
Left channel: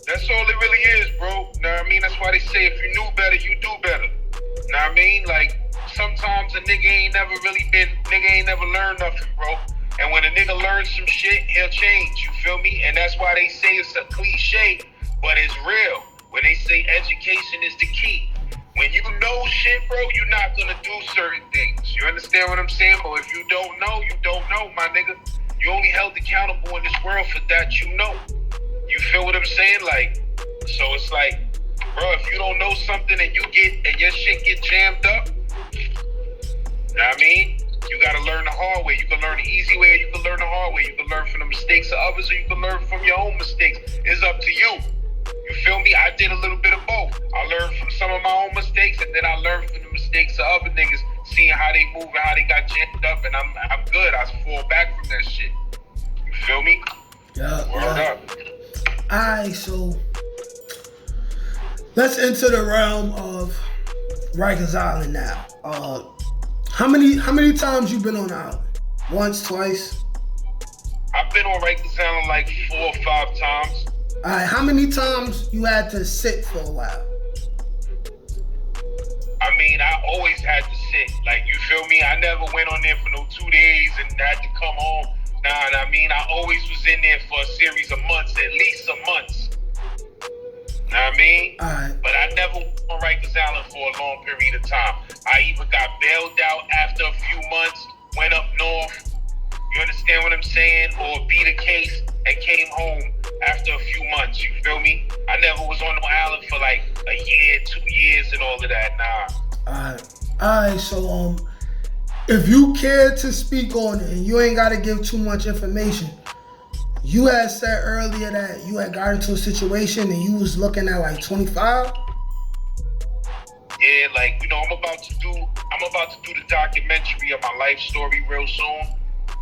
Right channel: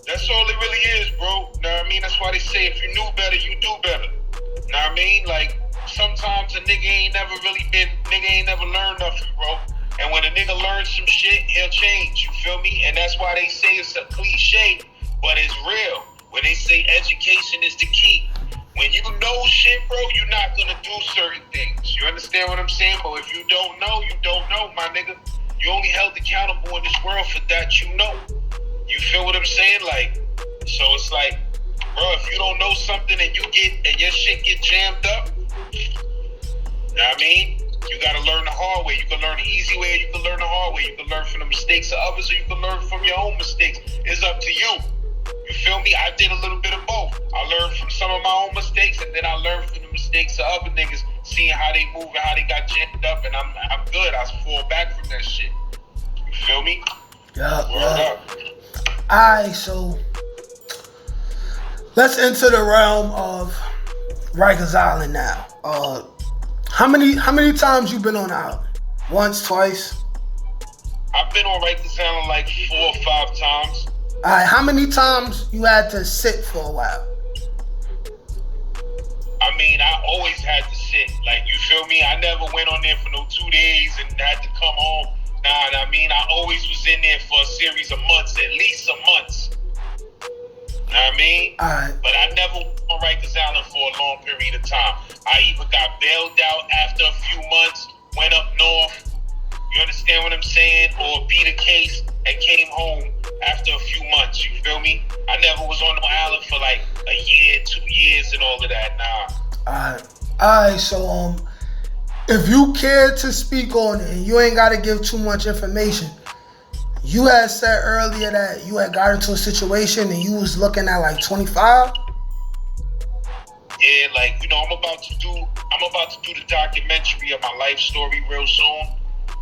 That's all it really is, bro. Know what I mean? That's why they say if you knew better, you do better. Know what I mean? Like, sometimes a nigga ain't never learned nothing, bro. And when a nigga learns some shit, he'll change, you feel me? And that's why they say it's a cliche, but it's real. When they say education is the key. When you know shit, bro, you're not gonna do certain things. You understand what I'm saying? But if you don't know, you don't know, my nigga. You only held accountable in this world for that you know. You feel what I'm saying? Like, so it's like, bro, if you don't know something and your shit get jammed up, you know what I mean? You gotta learn the hard way. You can learn the easy way, or you can learn the hard way. You can learn from the mistakes of others, or you can learn from your own mistakes. It's up to you. You feel me? I did a little bit of both. I learned from some of my own mistakes, and then I learned from the mistakes of other niggas, seeing how they move and how they got jammed up, and I'm good. I fall back from that shit. You feel me? Yeah. Word up. Alright, so let's enter the realm of Rikers Island now. How many times you been on the island? Once, twice? I've been on Rikers Island like 4 or 5 times. Alright, how many times you had to sit for a while? I mean, I always had to sit. Like, you feel me? I never went on there for no 2 days and had to come home. Nah, I mean, I always was in there for a series of months, at least some months. Know what I mean? Alright. But I never went on Rikers Island for a long period of time. I either got bailed out after a few months, went up north, you understand what I'm saying? Or beat a case and came home after a few months, you feel me? I never was on the island for like a year, 2 years and all of that, nah. Alright, so if you care to speak on it and you ain't gotta give too much information, you had said earlier that you had got into a situation and you was looking at like 25. Yeah, like, you know, I'm about to do the documentary of my life story real soon.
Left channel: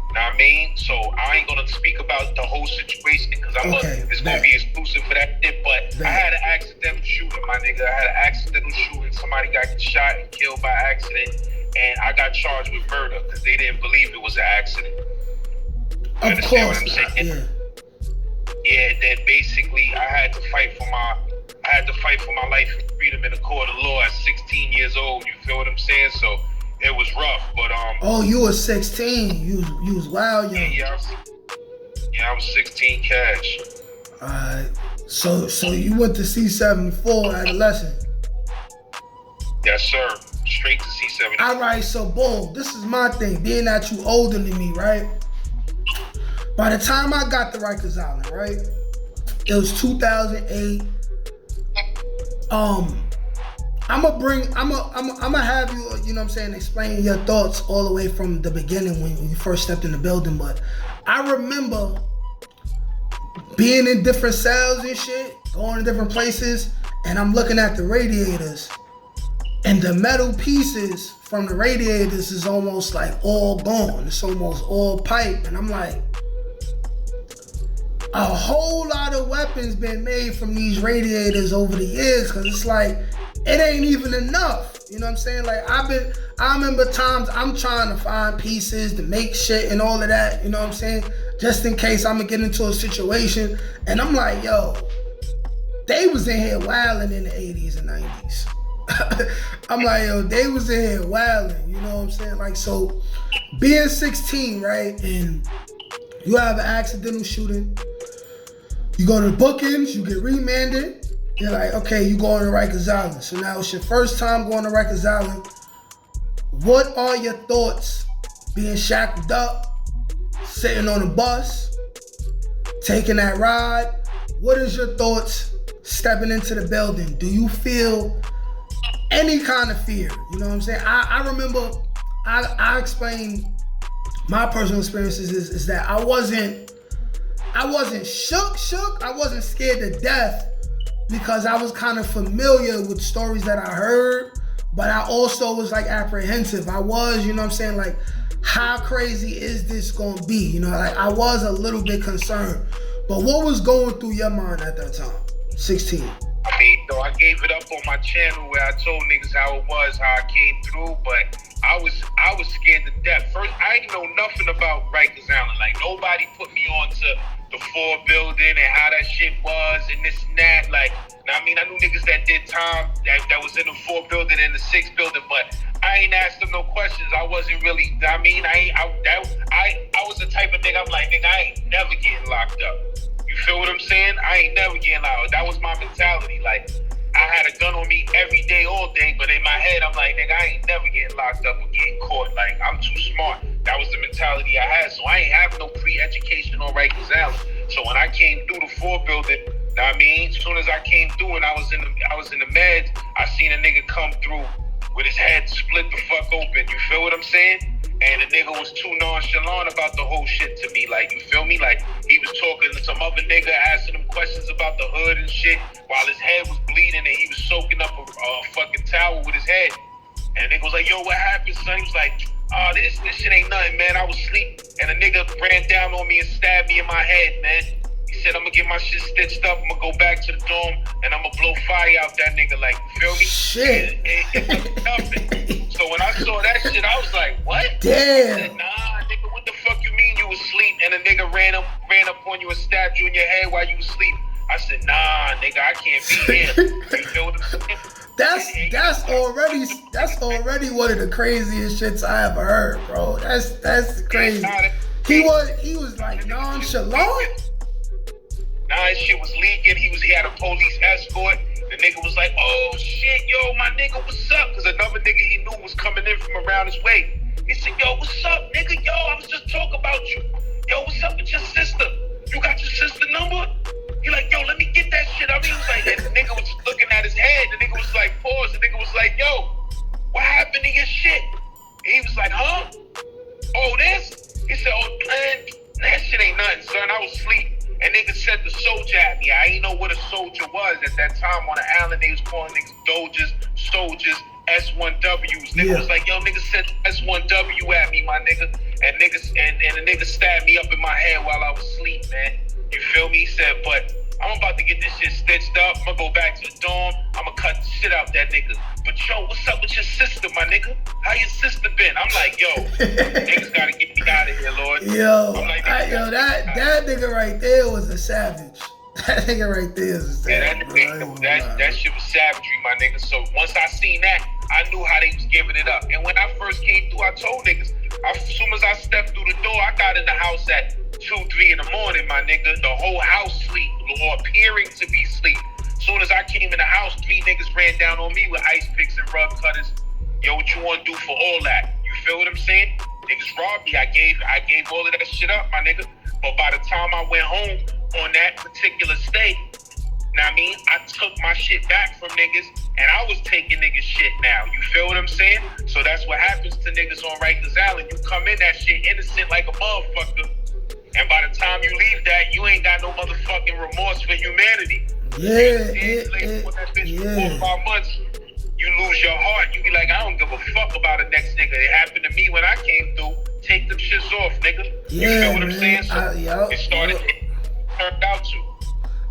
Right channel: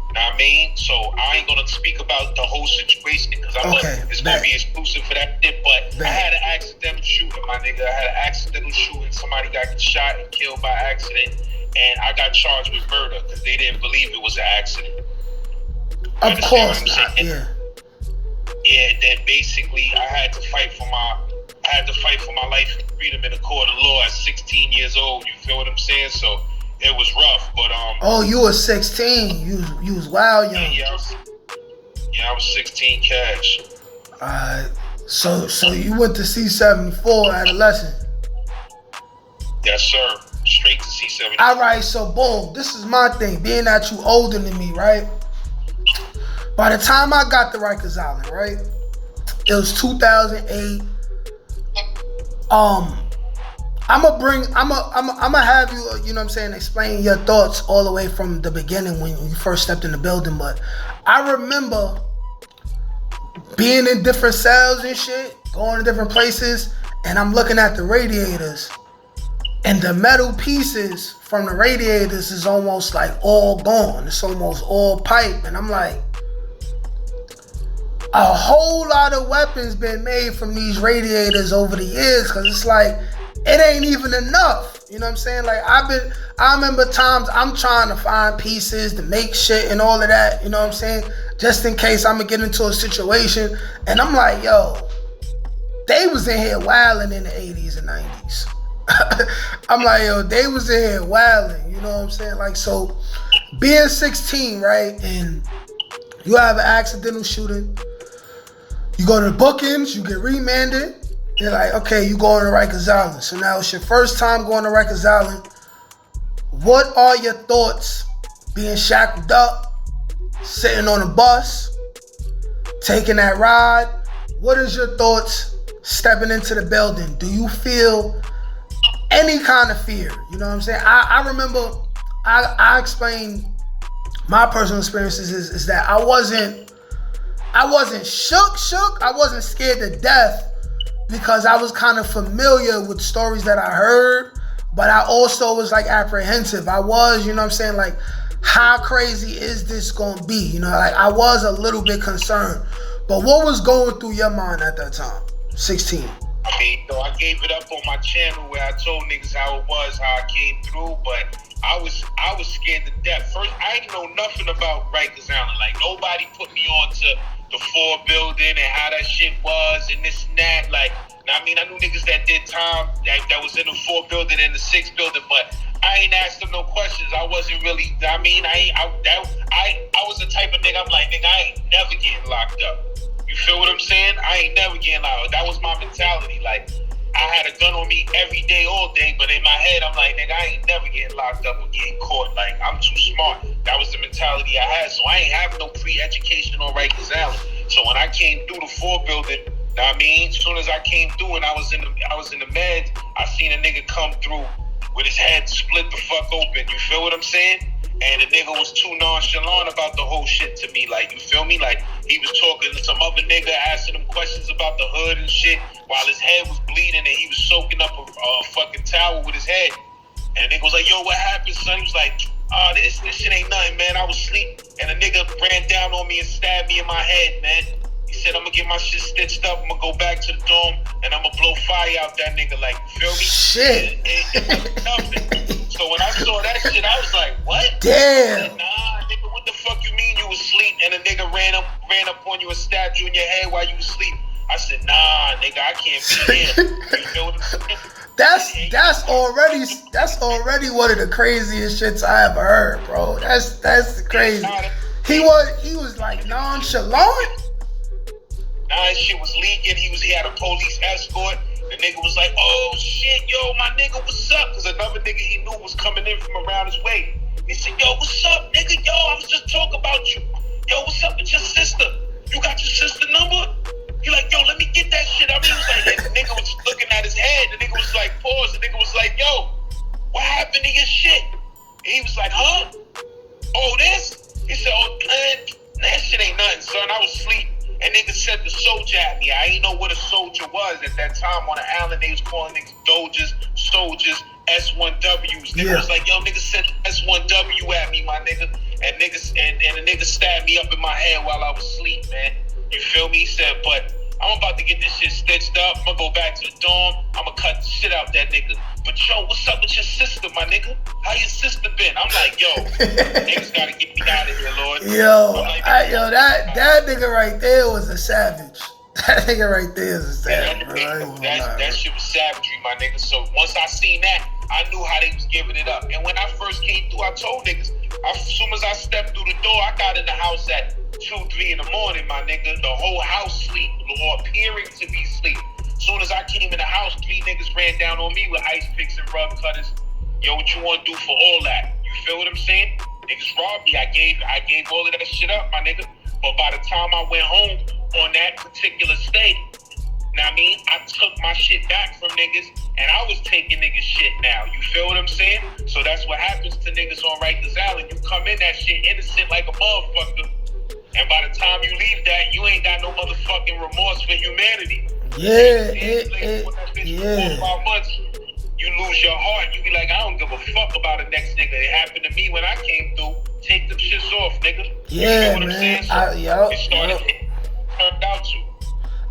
You know what I mean? So I ain't gonna speak about the whole situation because it's gonna be exclusive for that shit. But I had an accidental shooting, my nigga. I had an accidental shooting. Somebody got shot and killed by accident, and I got charged with murder because they didn't believe it was an accident. Of course not. Yeah. Yeah. Then basically, I had to fight for my life and freedom in the court of law at 16 years old. You feel what I'm saying? So it was rough, but Oh, you was 16. You was wild young. Yeah, I was 16 cash. So you went to C74 adolescent. Yes, sir. Straight to C74. All right, so boom. This is my thing. Being that you older than me, right? By the time I got to Rikers Island, right? It was 2008. I'm gonna have you, you know what I'm saying, explain your thoughts all the way from the beginning when you first stepped in the building. But I remember being in different cells and shit, going to different places, and I'm looking at the radiators, and the metal pieces from the radiators is almost like all gone. It's almost all pipe, and I'm like, a whole lot of weapons been made from these radiators over the years, because it's like, it ain't even enough. You know what I'm saying? Like, I remember times I'm trying to find pieces to make shit and all of that, you know what I'm saying? Just in case I'm gonna get into a situation. And I'm like, yo, they was in here wilding in the 80s and 90s. I'm like, yo, they was in here wilding, you know what I'm saying? Like, so being 16, right? And you have an accidental shooting. You go to the bookings, you get remanded. They're like, okay, you going to Rikers Island. So now it's your first time going to Rikers Island. What are your thoughts being shackled up, sitting on a bus, taking that ride? What is your thoughts stepping into the building? Do you feel any kind of fear? You know what I'm saying? I remember, I explained my personal experiences is that I wasn't shook. I wasn't scared to death, because I was kind of familiar with stories that I heard, but I also was like apprehensive. I was, you know what I'm saying, like, how crazy is this gonna be? You know, like, I was a little bit concerned. But what was going through your mind at that time, 16? I mean, so I gave it up on my channel where I told niggas how it was, how I came through, but I was scared to death. First, I ain't know nothing about Rikers Island. Like, nobody put me on to the 4 building and how that shit was and this and that. Like, I mean, I knew niggas that did time that was in the 4 building and the 6 building, but I ain't asked them no questions. I wasn't really, I mean, I was the type of nigga, I'm like, nigga, I ain't never getting locked up. You feel what I'm saying? I ain't never getting locked up. That was my mentality. Like, I had a gun on me every day, all day, but in my head, I'm like, nigga, I ain't never getting locked up or getting caught. Like, I'm too smart. That was the mentality I had. So I ain't have no pre-education on Rikers Island. So when I came through the 4 building, know what I mean? As soon as I came through and I was in the meds, I seen a nigga come through with his head split the fuck open. You feel what I'm saying? And the nigga was too nonchalant about the whole shit to me. Like, you feel me? Like, he was talking to some other nigga, asking him questions about the hood and shit, while his head was bleeding and he was soaking up a fucking towel with his head. And the nigga was like, yo, what happened, son? He was like, oh, this shit ain't nothing, man. I was asleep. And the nigga ran down on me and stabbed me in my head, man. He said, I'm gonna get my shit stitched up. I'm gonna go back to the dorm and I'm gonna blow fire out that nigga. Like, you feel me? Shit. It was nothing. So when I saw that shit, I was like, what? Damn. I said, nah, nigga, what the fuck you mean you was asleep and a nigga ran up on you and stabbed you in your head while you was asleep? I said, nah, nigga, I can't be here. You feel what I'm saying? That's already one of the craziest shits I ever heard, bro. That's crazy. He was like nonchalant. Nah, his shit was leaking. He had a police escort. The nigga was like, oh shit, yo, my nigga, what's up? Because another nigga he knew was coming in from around his way. He said, yo, what's up, nigga? Yo, I was just talking about you. Yo, what's up with your sister? You got your sister number? He like, yo, let me get that shit. I mean, he was like, and the nigga was looking at his head. The nigga was like, pause. The nigga was like, yo, what happened to your soldier at me. I ain't know what a soldier was at that time. On the island, they was calling niggas doges, soldiers, S1Ws. Nigga was like, yo, nigga sent S1W at me, my nigga. And niggas and a nigga stabbed me up in my head while I was asleep, man. You feel me? He said, but I'm about to get this shit stitched up. I'm gonna go back to the dorm. I'm gonna cut the shit out that nigga. But yo, what's up with your sister, my nigga? How your sister been? I'm like, yo, niggas gotta get me out of here, Lord. Yo, like, that nigga right there was a savage. That nigga right there is a savage. That shit was savagery, my nigga. So once I seen that, I knew how they was giving it up. And when I first came through, I told niggas, as soon as I stepped through the door, I got in the house at 2, 3 in the morning, my nigga. The whole house sleep, or appearing to be sleep. As soon as I came in the house, 3 niggas ran down on me with ice picks and rug cutters. Yo, what you want to do for all that? You feel what I'm saying? Niggas robbed me. I gave all of that shit up, my nigga. But by the time I went home on that particular stay, now I mean, I took my shit back from niggas, and I was taking niggas shit now. You feel what I'm saying? So that's what happens to niggas on Rikers Island. You come in that shit innocent like a motherfucker, and by the time you leave that, you ain't got no motherfucking remorse for humanity. Yeah. 4 or 5 months, you lose your heart. You be like, I don't give a fuck about the next nigga. It happened to me when I came through. Take them shits off, nigga. You feel what I'm saying? So it started, turned out to.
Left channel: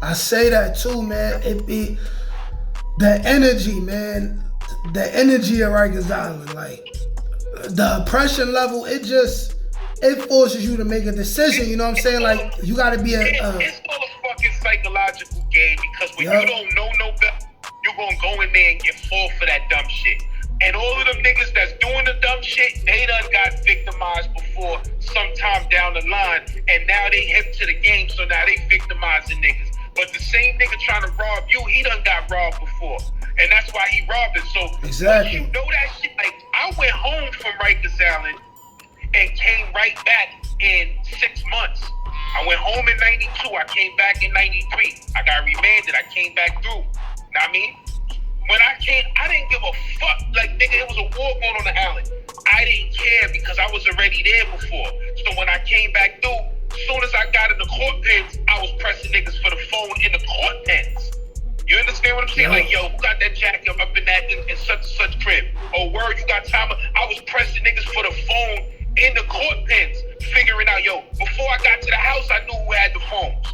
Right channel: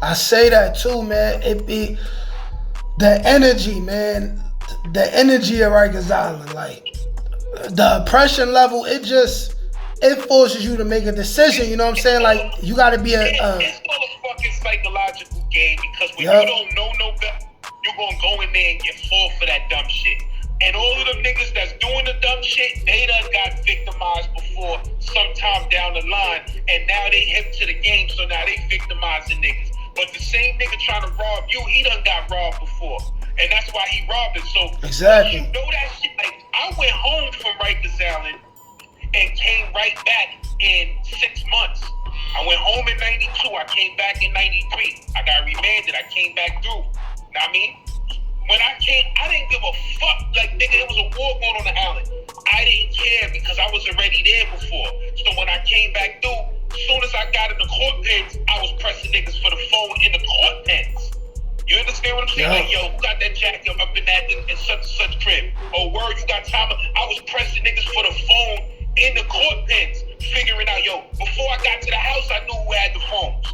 I say that too, man. It be the energy, man. The energy of Rikers Island, like the oppression level. It forces you to make a decision. You know what I'm saying? Like you got to be it's all a fucking psychological game because when you don't know no better, you gonna go in there and get fall for that dumb shit. And all of them niggas that's doing the dumb shit, they done got victimized before sometime down the line, and now they hip to the game, so now they victimizing niggas. But the same nigga trying to rob you, he done got robbed before. And that's why he robbed it. So exactly. You know that shit. Like, I went home from Rikers Island and came right back in 6 months. I went home in 92. I came back in 93. I got remanded. I came back through. Know what I mean? When I came, I didn't give a fuck. Like, nigga, it was a war going on the island. I didn't care because I was already there before. So when I came back through, as soon as I got in the court pens, I was pressing niggas for the phone in the court pens. You understand what I'm saying? Yeah. Like, yo, who got that jacket up in that in such and such crib? Oh, word, you got time? I was pressing niggas for the phone in the court pens, figuring out, yo, before I got to the house, I knew who had the phones.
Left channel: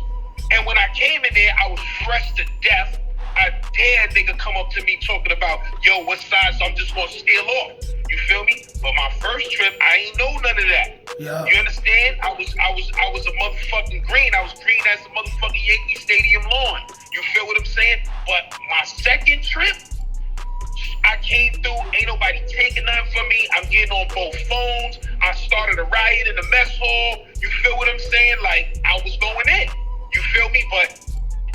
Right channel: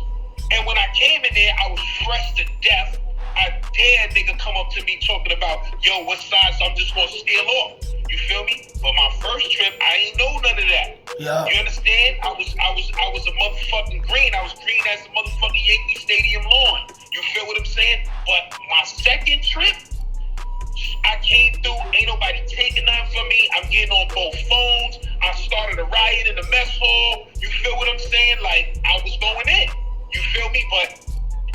And when I came in there, I was fresh to death. I dare nigga come up to me talking about, yo, what size I'm just gonna steal off. You feel me? But my first trip, I ain't know none of that. Yeah. You understand? I was a motherfucking green. I was green as the motherfucking Yankee Stadium lawn. You feel what I'm saying? But my second trip, I came through, ain't nobody taking nothing from me. I'm getting on both phones. I started a riot in the mess hall. You feel what I'm saying? Like, I was going in. You feel me? But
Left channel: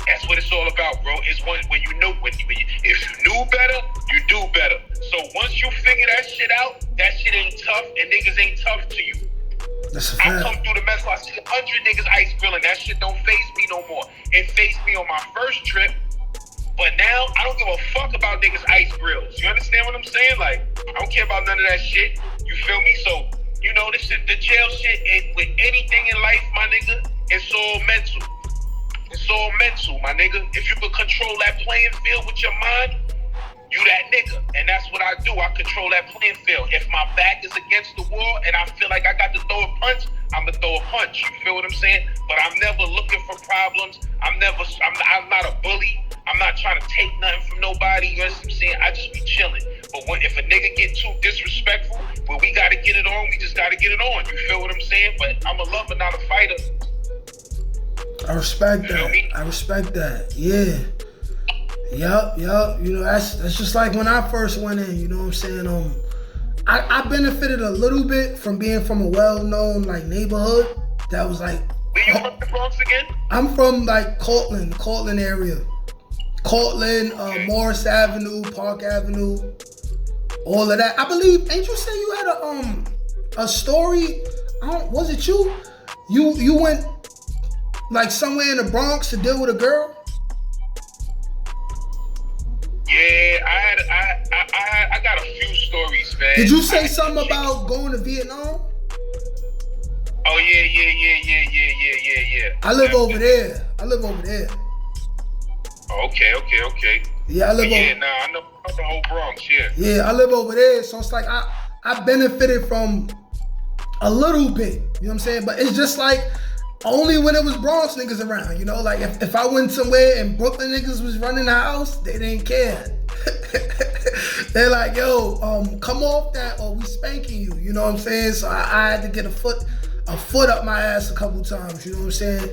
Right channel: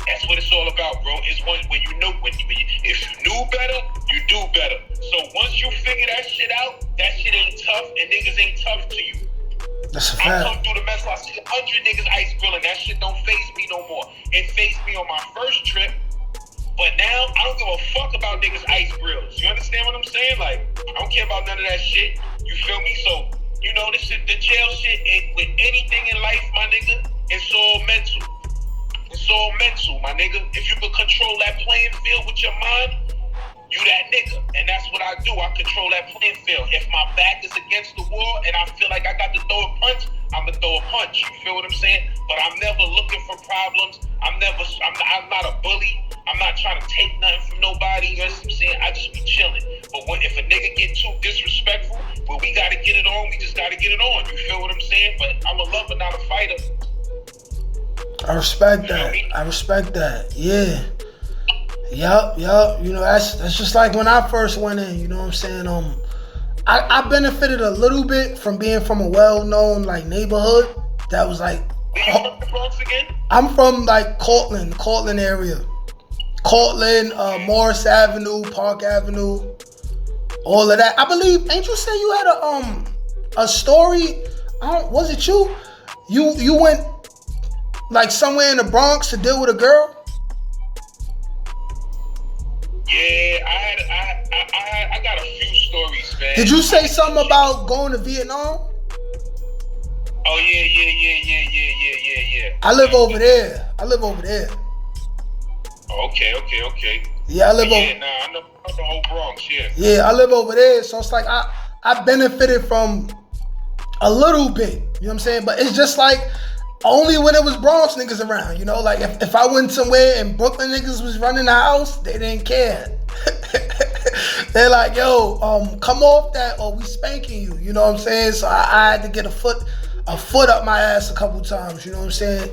that's what it's all about, bro. It's when you know, if you knew better, you do better. So once you figure that shit out, that shit ain't tough, and niggas ain't tough to you. That's a fact. I come through the mess hall, I see 100 niggas ice grilling. That shit don't faze me no more. It fazed me on my first trip, but now I don't give a fuck about niggas ice grills. You understand what I'm saying? Like, I don't care about none of that shit. You feel me? So, you know, this shit, the jail shit, with anything in life, my nigga, it's all mental. It's all mental, my nigga. If you can control that playing field with your mind, you that nigga. And that's what I do. I control that playing field. If my back is against the wall and I feel like I got to throw a punch, I'm going to throw a punch. You feel what I'm saying? But I'm never looking for problems. I'm not a bully. I'm not trying to take nothing from nobody. You know what I'm saying? I just be chilling. But if a nigga get too disrespectful, well, we got to get it on. We just got to get it on. You feel what I'm saying? But I'm a lover, not a fighter. I respect that. I respect that. Yeah. Yup. You know, that's just like when I first went in, you know what I'm saying? I benefited a little bit from being from a well-known like neighborhood that was like. Where you from the Bronx again? I'm from like Cortland area. Cortland, Morris Avenue, Park Avenue, all of that. I believe, ain't you say you had a story? Was it you? You went like somewhere in the Bronx to deal with a girl? Yeah, I got a few stories, man. Did you say something about going to Vietnam? Oh yeah. I live over there. I live over there. Okay. Yeah, I live over. Yeah, nah, I know the whole Bronx. Yeah. Yeah, I live over there, so it's like I benefited from a little bit. You know what I'm saying? But it's just like only when it was Bronx niggas around. You know, like if I went somewhere and Brooklyn niggas was running the house, they didn't care. They're like, yo, come off that or we spanking you. You know what I'm saying? So I had to get a foot up my ass a couple times. You know what I'm saying?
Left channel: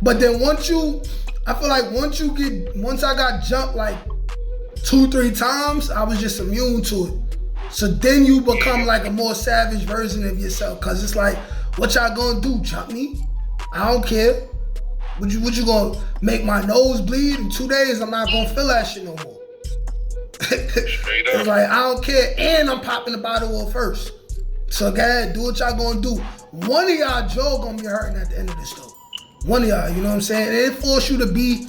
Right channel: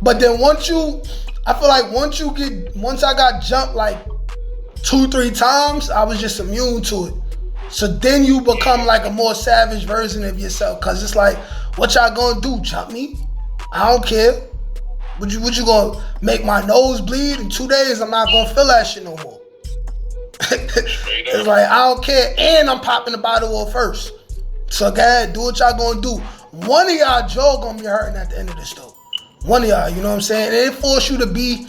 But then I feel like once I got jumped like 2-3 times, I was just immune to it. So then you become like a more savage version of yourself, cause it's like, what y'all gonna do? Jump me? I don't care. What you gonna make my nose bleed? In 2 days, I'm not gonna feel that shit no more. It's like, I don't care, and I'm popping the bottle off first. So go ahead, do what y'all gonna do. One of y'all jaw gonna be hurting at the end of this though. One of y'all, you know what I'm saying? And it force you to be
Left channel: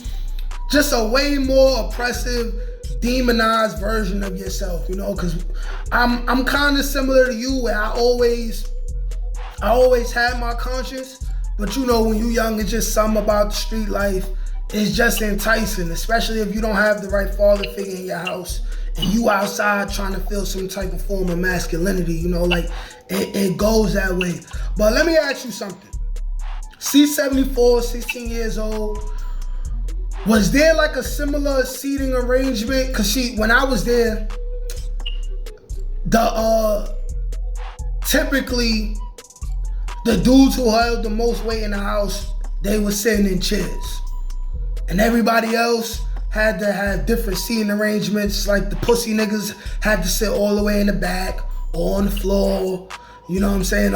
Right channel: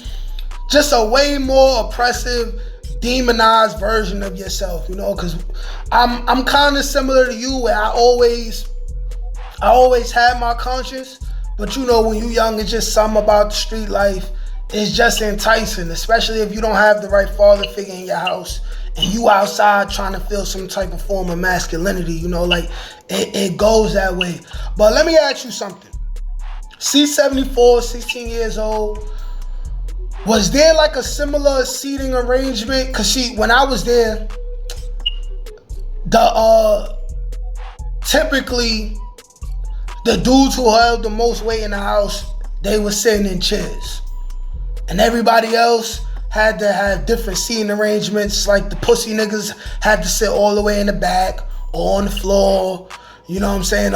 just a way more oppressive, demonized version of yourself, you know, because I'm kind of similar to you, where I always had my conscience, but you know, when you young, it's just something about the street life. It's just enticing, especially if you don't have the right father figure in your house and you outside trying to feel some type of form of masculinity, you know, like it goes that way. But let me ask you something. C74, 16 years old. Was there like a similar seating arrangement? Cause see, when I was there, typically the dudes who held the most weight in the house, they were sitting in chairs. And everybody else had to have different seating arrangements. Like the pussy niggas had to sit all the way in the back or on the floor. You know what I'm saying?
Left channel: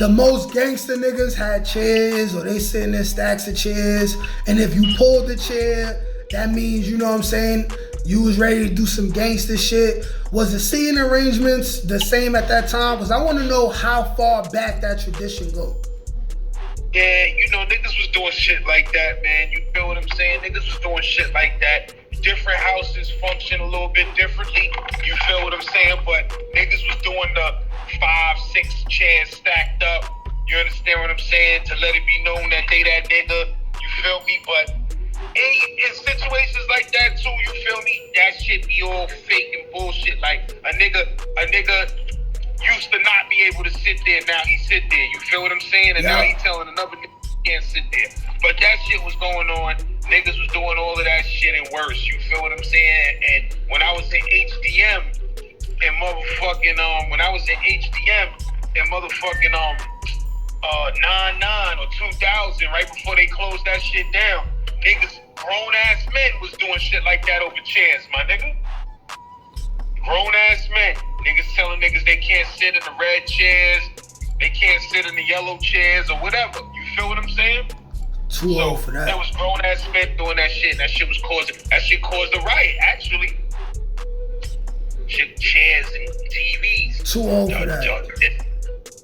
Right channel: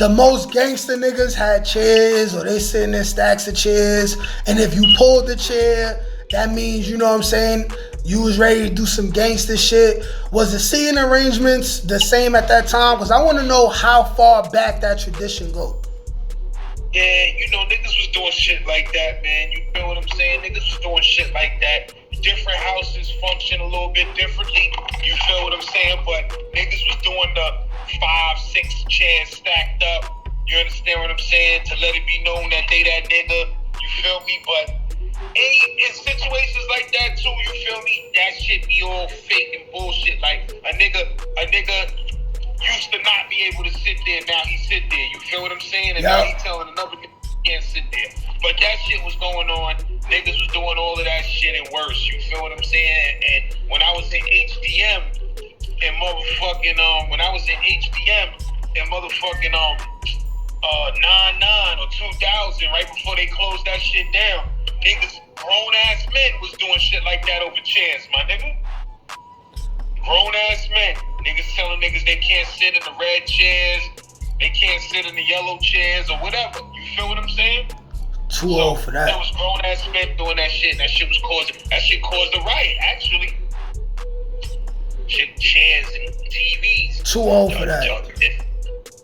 The most gangster niggas had chairs, or they sitting in stacks of chairs. And if you pulled the chair, that means, you know what I'm saying, you was ready to do some gangster shit. Was the seating arrangements the same at that time? Because I want to know how far back that tradition go. Yeah, you know, niggas was doing shit like that, man. You feel what I'm saying? Niggas was doing shit like that. Different houses function a little bit differently. You feel what I'm saying? But niggas was doing the 5-6 chairs stacked up. You understand what I'm saying? To let it be known that they that nigga. You feel me? But in situations like that too, you feel me? That shit be all fake and bullshit. Like a nigga used to not be able to sit there. Now he sit there. You feel what I'm saying? And now he telling another nigga he can't sit there. But that shit was going on. Niggas was doing all of that shit and worse. You feel what I'm saying? And when I was in HDM and motherfucking when I was in HDM and motherfucking 99 or 2000, right before they closed that shit down, niggas, grown ass men was doing shit like that over chairs, my nigga. Grown ass men. Niggas telling niggas they can't sit in the red chairs, they can't sit in the yellow chairs or whatever. You feel what I'm saying? Too old for that. There was grown ass men doing that shit, and that shit caused a riot, actually. Shit, chairs and TVs. Too old for that.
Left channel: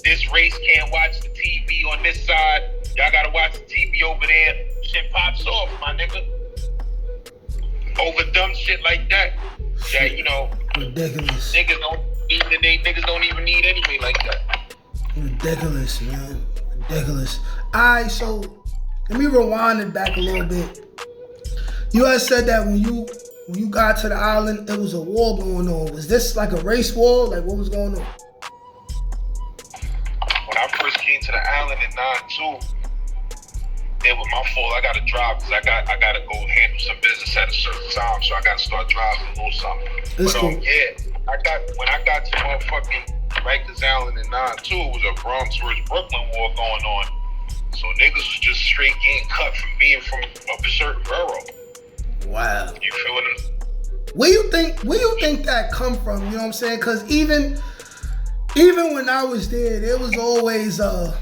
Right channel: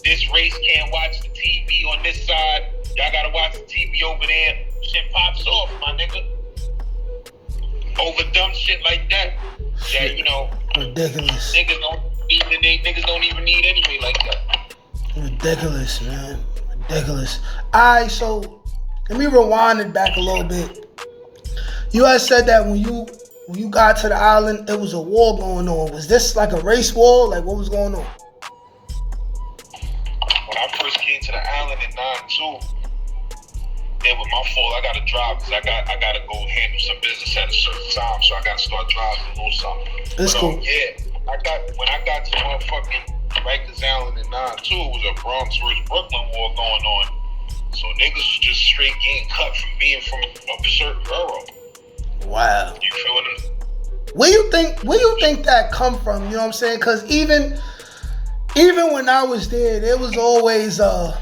This race can't watch the TV on this side. Y'all gotta watch the TV over there. Shit pops off, my nigga. Over dumb shit like that. That, you know, ridiculous. Niggas don't even need anyway like that. Ridiculous, man. Ridiculous. Alright, so let me rewind it back a little bit. You had said that when you got to the island, it was a war going on. Was this like a race war? Like, what was going on? When I first came to the island in 92, it was my fault. I gotta drive because I gotta go handle some business at a certain time, so I gotta start driving a little something. That's cool. Yeah, when I got to motherfucking Rikers Island in 92, it was a Bronx versus Brooklyn war going on. So niggas was just straight getting cut from being from a certain borough. Wow. You feel what I'm saying? Where you think that come from? You know what I'm saying? Because even when I was there was always I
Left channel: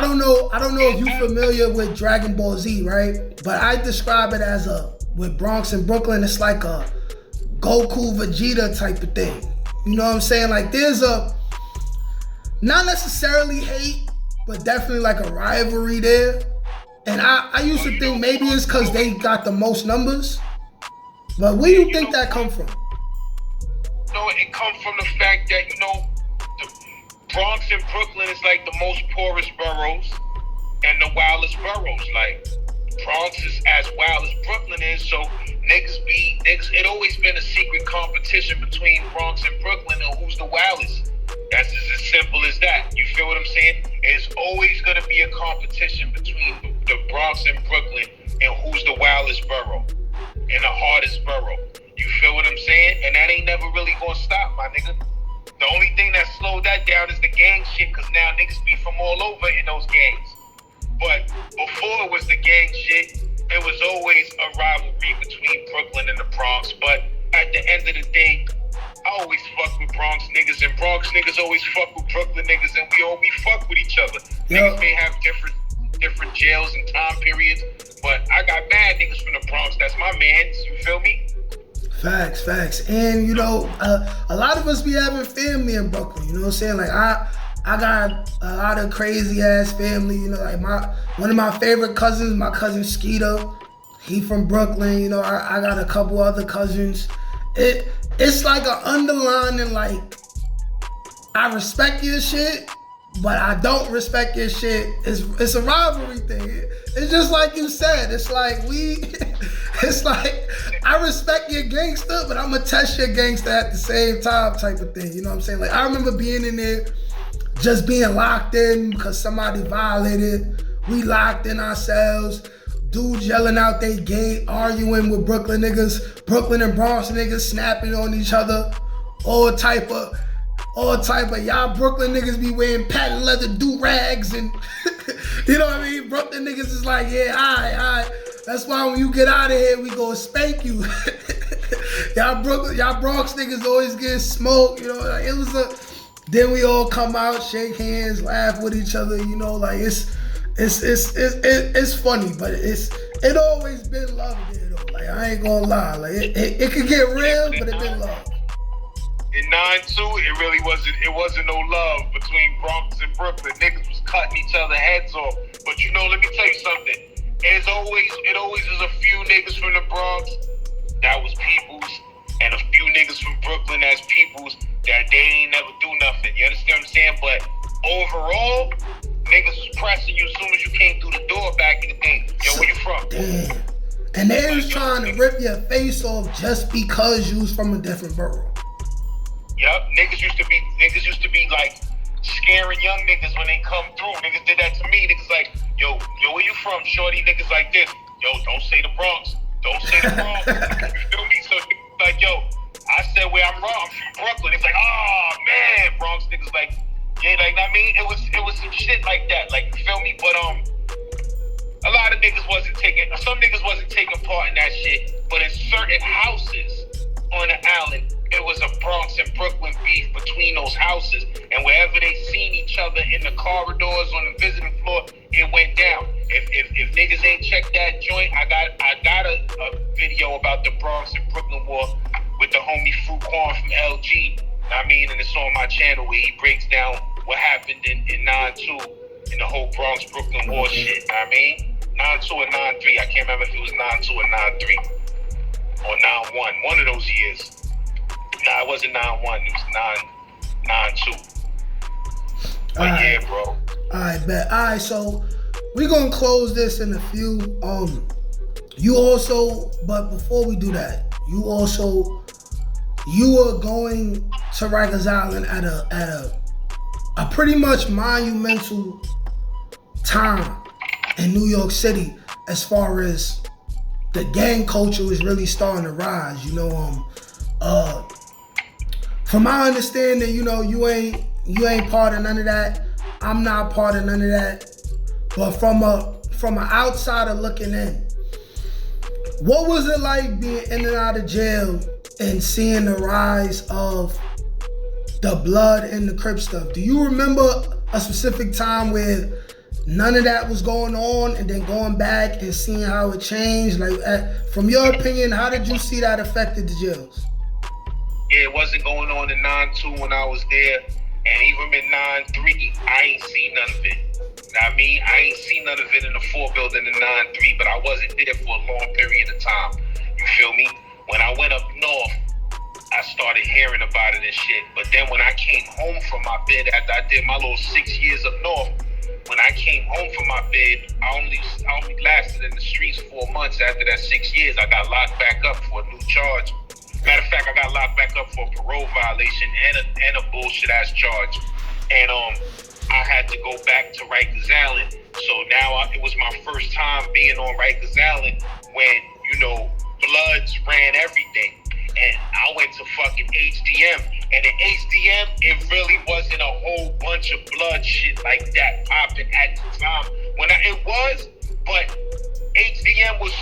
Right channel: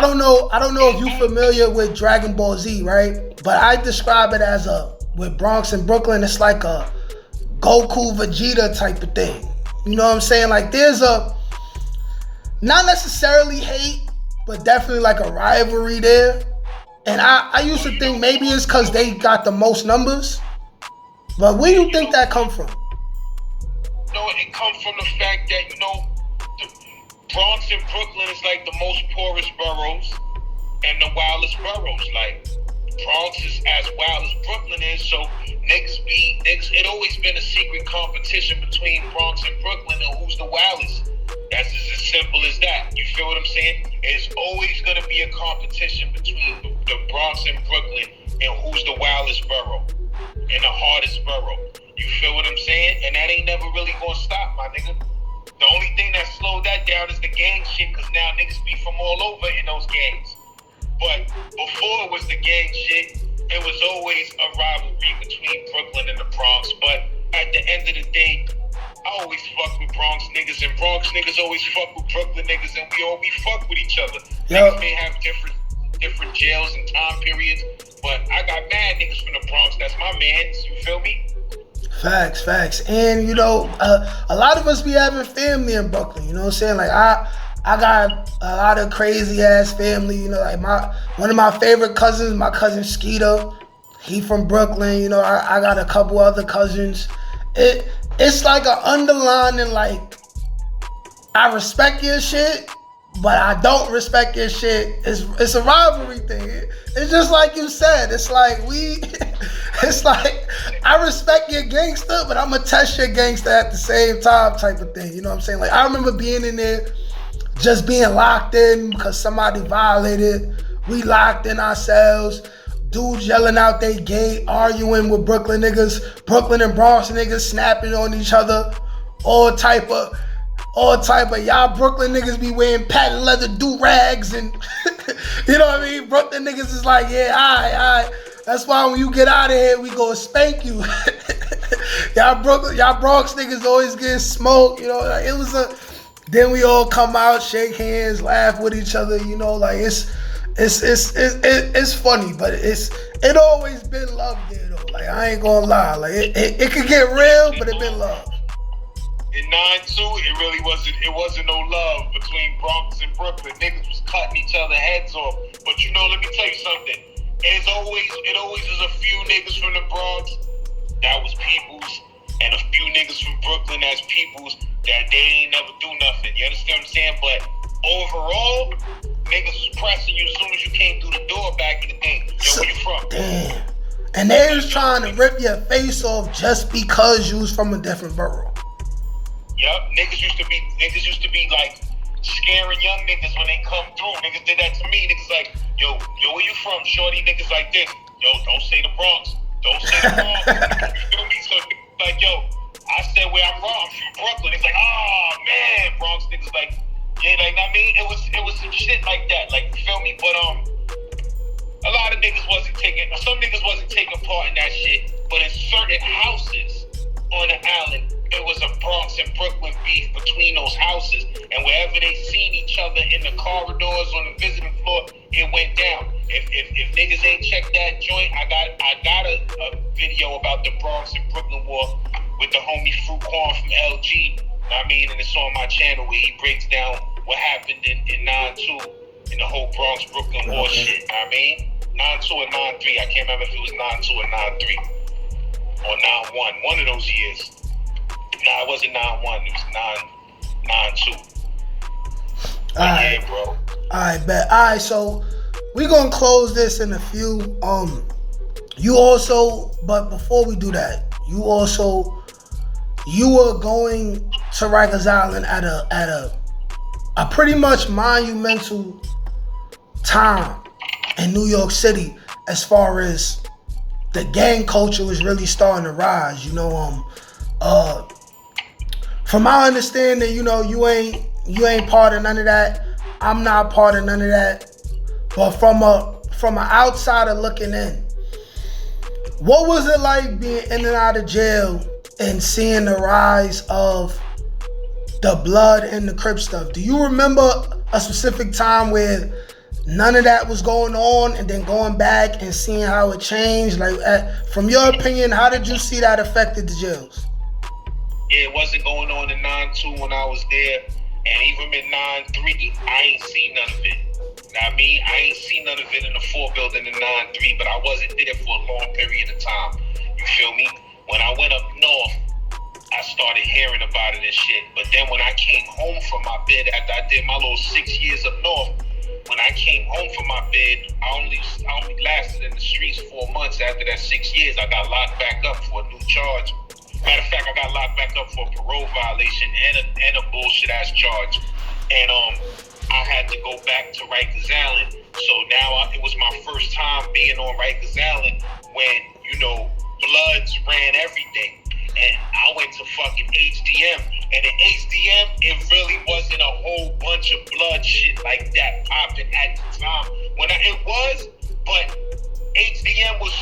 don't know if you're familiar with Dragon Ball Z, right? But I describe it as with Bronx and Brooklyn, it's like a Goku Vegeta type of thing. You know what I'm saying? Like there's a, not necessarily hate, but definitely like a rivalry there. And I used to think maybe it's because they got the most numbers. But where do you think that come from? No, it come from the fact that, you know, Bronx and Brooklyn is like the most poorest boroughs and the wildest boroughs. Like, Bronx is as wild as Brooklyn is, so niggas, it always been a secret competition between Bronx and Brooklyn on who's the wildest. That's just as simple as that. You feel what I'm saying? It's always gonna be a competition between the Bronx and Brooklyn and who's the wildest borough and the hardest borough. You feel what I'm saying? And that ain't never really gonna stop, my nigga. The only thing that slowed that down is the gang shit, cause now niggas be from all over in those gangs. But before it was the gang shit, it was always a rivalry between Brooklyn and the Bronx. But at the end of the day, I always fuck with Bronx niggas, and Bronx niggas always fuck with Brooklyn niggas, and we fuck with each other. Niggas may have different jails and time periods, but I got mad niggas from the Bronx. That's my mans. You feel me? Facts. And you know, a lot of us be having family in Brooklyn. You know what I'm saying? Like I got a lot of crazy ass family. You know, like one of my favorite cousins, my cousin Skeeter. He from Brooklyn. You know, I got a couple other cousins. It's like an underlining, like, I respect your shit, but I don't respect your shit. It's a rivalry thing. It's just like you said. It's like it's like, I respect your gangster, but I'm gonna test your gangster at the same time type of thing. You know what I'm saying? Like, I remember being in there, just being locked in because somebody violated. We locked in ourselves. Dudes yelling out they gay, arguing with Brooklyn niggas, Brooklyn and Bronx niggas snapping on each other, all type of y'all Brooklyn niggas be wearing patent leather do-rags and you know what I mean? Brooklyn niggas is like, yeah, all right. That's why when you get out of here, we gonna spank you. y'all Bronx niggas always getting smoked, you know, like it was then we all come out, shake hands, laugh with each other, you know, like it's funny, but it always been love there though. Like, I ain't gonna lie, like it could get real, but it been love. In 9-2, it wasn't no love between Bronx and Brooklyn. Niggas was cutting each other heads off. But you know, let me tell you something. It always is a few niggas from the Bronx that was peoples, and a few niggas from Brooklyn that's peoples that they ain't never do nothing. You understand what I'm saying? But overall, niggas was pressing you as soon as you came through the door back in the day. Yo, where you from? Damn. And they was trying to rip your face off just because you was from a different borough. Yup, niggas used to be like scaring young niggas when they come through. Niggas did that to me. Niggas like, yo, where you from, shorty? Niggas like this. Yo, don't say the Bronx. Don't say the Bronx. You feel me? So like, yo, I said where I'm from. I'm from Brooklyn. It's like, oh man, Bronx niggas like, yeah, like, I mean, it was some shit like that. Like, you feel me? But a lot of niggas some niggas wasn't taking part in that shit. But in certain houses on the island, it was a Bronx and Brooklyn beef between those houses, and wherever they seen each other in the corridors on the visiting floor, it went down. If niggas ain't checked that joint, I got a video about the Bronx and Brooklyn war with the homie Fruit Corn from LG. I mean, and it's on my channel where he breaks down what happened in 9-2 in the whole Bronx Brooklyn war shit. I mean, 9-2 or 9-3. I can't remember if it was 9-2 or 9-3 or 9-1. One of those years. Nah, it wasn't 9-1. It was 9-2. Yeah, bro. Alright, bet. Alright, so we're gonna close this in a few. You also, but before we do that, you were going to Rikers Island at a pretty much monumental time in New York City as far as the gang culture was really starting to rise. You know, from my understanding, you know, you ain't part of none of that. I'm not part of none of that. But from an outsider looking in, what was it like being in and out of jail and seeing the rise of the blood and the Crip stuff? Do you remember a specific time where none of that was going on and then going back and seeing how it changed? Like, from your opinion, how did you see that affected the jails? Yeah, it wasn't going on in 9-2 when I was there. And even in 9-3, I ain't seen none of it. I mean, I ain't seen none of it in the 4 building in 9-3, but I wasn't there for a long period of time. You feel me? When I went up north, I started hearing about it and shit. But then when I came home from my bed after I did my little 6 years up north, when I came home from my bid, I only lasted in the streets 4 months. After that 6 years, I got locked back up for a new charge. Matter of fact, I got locked back up for a parole violation and a bullshit ass charge. And I had to go back to Rikers Island. So now it was my first time being on Rikers Island when, you know, Bloods ran everything. And I went to fucking HDM. And in HDM, it really wasn't a whole bunch of blood shit like that popping at the time. But HDM was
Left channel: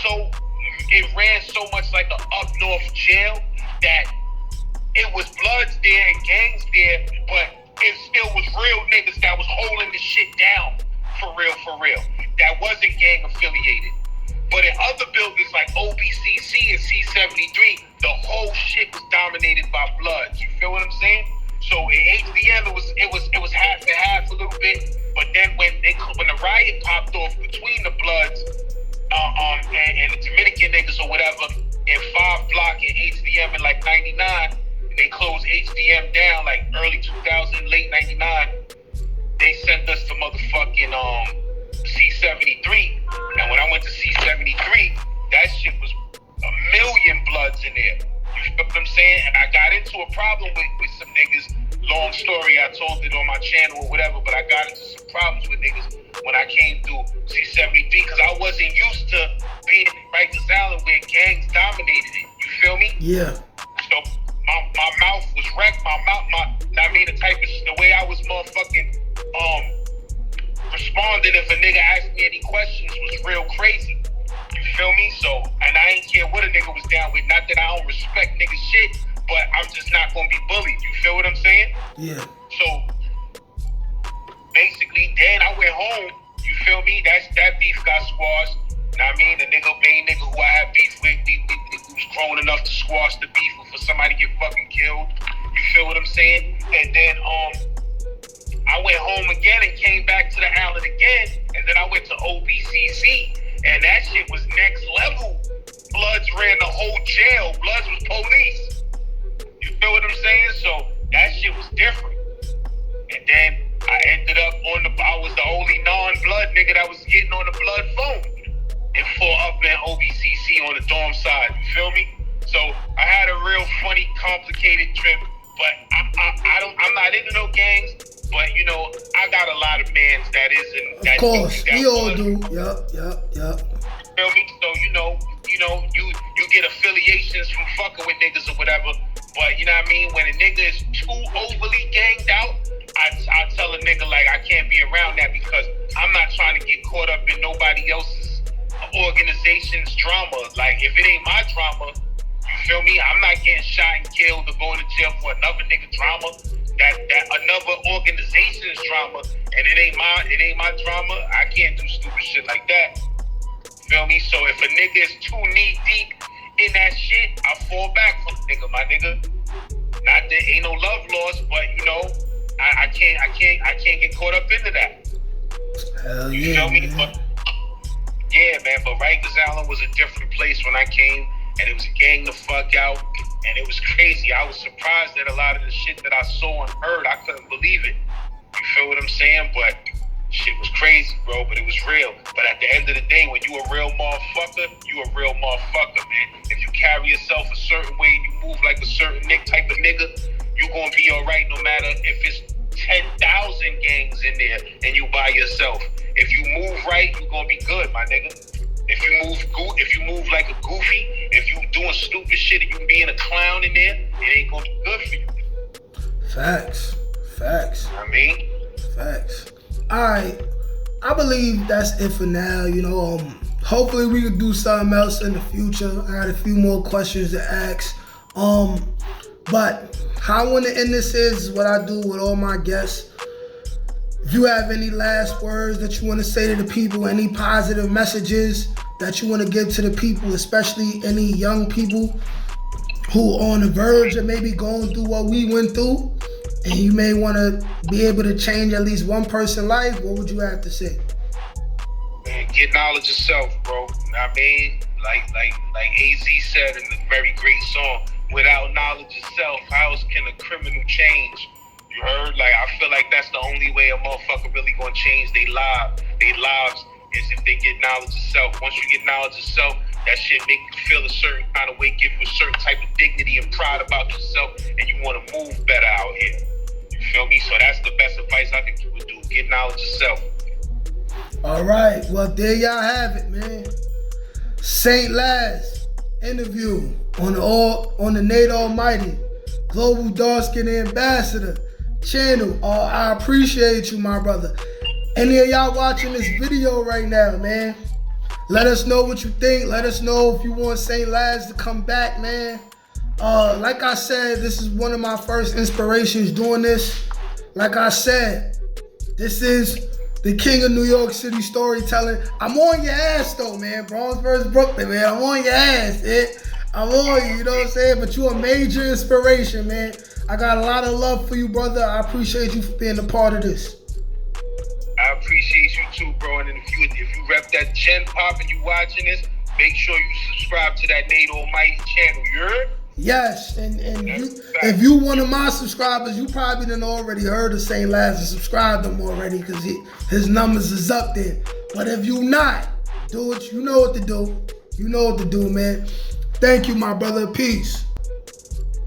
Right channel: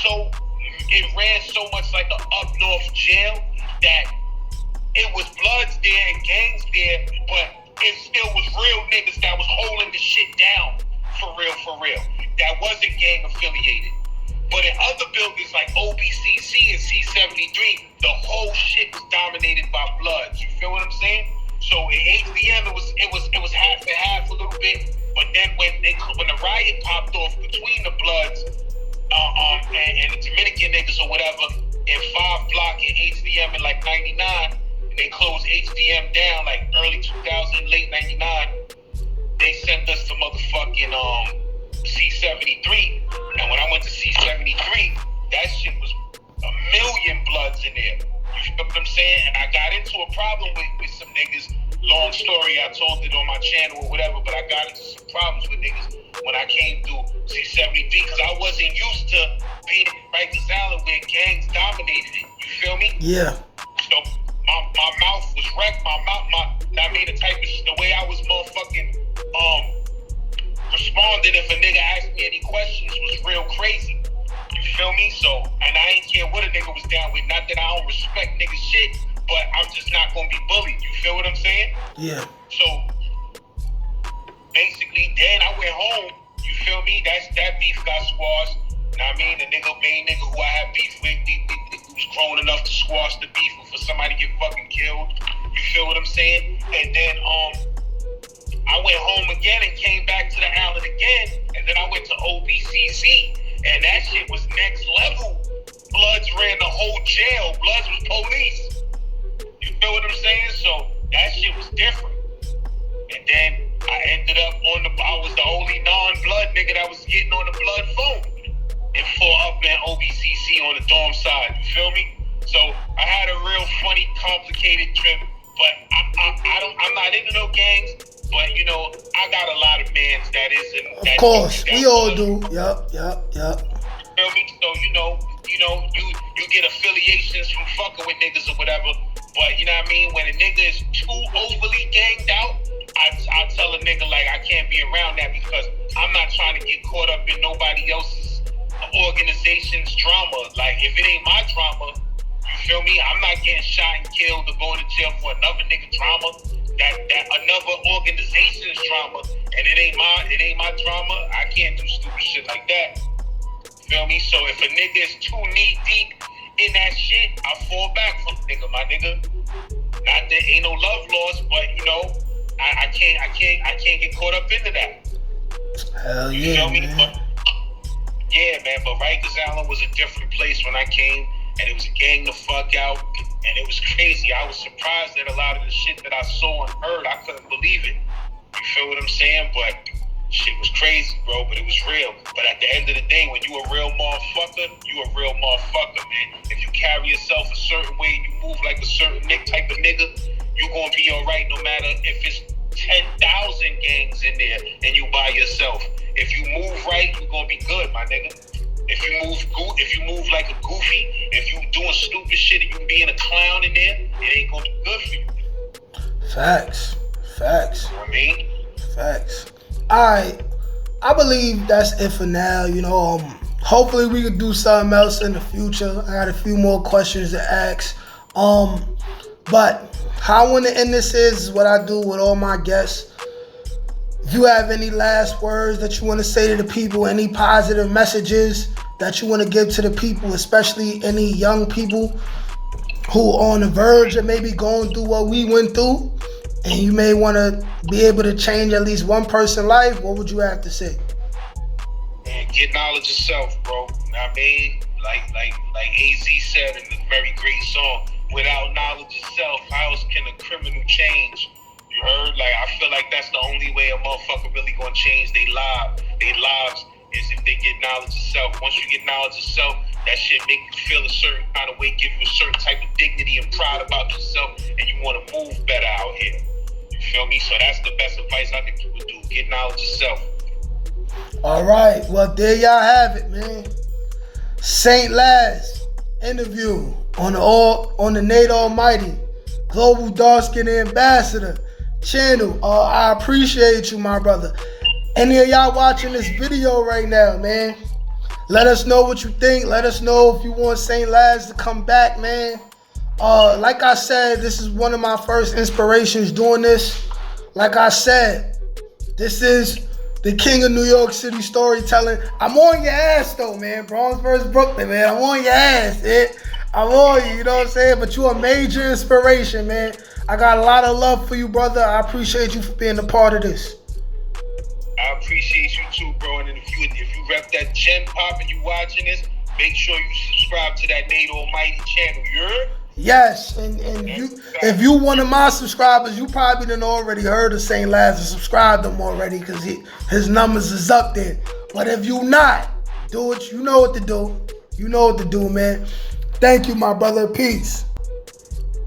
it ran so much like an up north jail that it was Bloods there and gangs there, but it still was real niggas that was holding the shit down for real. That wasn't gang affiliated. But in other buildings like OBCC and C73, the whole shit was dominated by Bloods. You feel what I'm saying? So in HDM, it was half and half a little bit. But then when the riot popped off between the Bloods and the Dominican niggas or whatever, in 5 Block in HDM in like 99, they closed HDM down like early 2000, late 99. They sent us to motherfucking C73. And when I went to C73, that shit was a million Bloods in there. You feel what I'm saying? And I got into a problem with some niggas. Long story, I told it on my channel or whatever, but I got into some problems with niggas when I came through C73 because I wasn't used to being in Rikers Island where gangs dominated it. You feel me? Yeah. So my mouth was wrecked. The way I was motherfucking responding if a nigga asked me any questions was real crazy. You feel me? So, and I ain't care what a nigga was down with. Not that I don't respect nigga shit, but I'm just not gonna be bullied. You feel what I'm saying? Yeah. So, basically, then I went home. You feel me? That beef got squashed. Know what I mean? The main nigga who I had beef with, he was grown enough to squash the beef for somebody to get fucking killed. You feel what I'm saying? And then I went home again and came back to the island again, and then I went to OBCC, and that shit was next level. Bloods ran the whole jail. Bloods was police. You feel what I'm saying? So that shit was different. And then I ended up I was the only non-blood nigga that was getting on the blood phone and up in OBCC on the dorm side. You feel me? So I had a real funny, complicated trip, but I'm not into no gangs. But you know, I got a lot of mans that isn't. Of course, we all do. Yup. You feel me? So you get affiliations from fucking with niggas or whatever. But you know what I mean? When a nigga is too overly ganged out, I tell a nigga like I can't be around that because I'm not trying to get caught up in nobody else's organization's drama. Like if it ain't my drama, you feel me? I'm not getting shot and killed or going to jail for another nigga drama. That another organization's drama, and it ain't my drama. I can't do stupid shit like that. Feel me? So if a nigga is too knee deep in that shit, I fall back from nigga, my nigga. Not that ain't no love lost, but you know, I can't get caught up into that. Hell you yeah, feel me? Man. But Rikers Island was a different place when I came, and it was a gang the fuck out. And it was crazy. I was surprised at a lot of the shit that I saw and heard. I couldn't believe it. You feel what I'm saying? But shit was crazy, bro. But it was real. But at the end of the day, when you a real motherfucker, you a real motherfucker, man. If you carry yourself a certain way and you move like a certain type of nigga, you gonna be all right no matter if it's 10,000 gangs in there and you by yourself. If you move right, you gonna be good, my nigga. If you move like a goofy, if you doing stupid shit and you being a clown in there, it ain't gonna be good for you. Facts. You know what I mean? Facts. Alright. I believe that's it for now. You know, hopefully we could do something else in the future. I got a few more questions to ask. But how I want to end this is what I do with all my guests. If you have any last words that you want to say to the people, any positive messages that you want to give to the people, especially any young people who are on the verge of maybe going through what we went through, and you may want to be able to change at least one person's life, what would you have to say? Man, get knowledge of self, bro. You know what I mean? Like AZ said in the very great song, without knowledge of self, how else can a criminal change? You You heard? Like, I feel like that's the only way a motherfucker really gonna change their lives is if they get knowledge of self. Once you get knowledge of self, that shit make you feel a certain kind of way, give you a certain type of dignity and pride about yourself, and you want to move better out here. You feel me? So that's the best advice I can give you, do. Get knowledge of self. All right. Well, there y'all have it, man. stlaz interview on the Nate Almighty Global Dark Skin Ambassador channel. I appreciate you, my brother. Any of y'all watching this video right now, man, let us know what you think. Let us know if you want stlaz to come back, man. Like I said, this is one of my first inspirations doing this. Like I said, this is the king of New York City storytelling. I'm on your ass though, man. Bronx versus Brooklyn, man. I'm on your ass, man. I'm on you, you know what I'm saying? But you a major inspiration, man. I got a lot of love for you, brother. I appreciate you for being a part of this. I appreciate you too, bro. And if you rep that Gen Pop and you watching this, make sure you subscribe to that Nate Almighty channel. You heard? Yes, and if you one of my subscribers, you probably done already heard of stlaz and subscribed to him already because his numbers is up there. But if you not, do it. You know what to do. You know what to do, man. Thank you, my brother. Peace.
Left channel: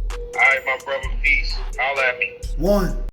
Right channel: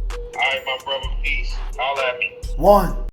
All right, my brother. Peace. Holla at me. One.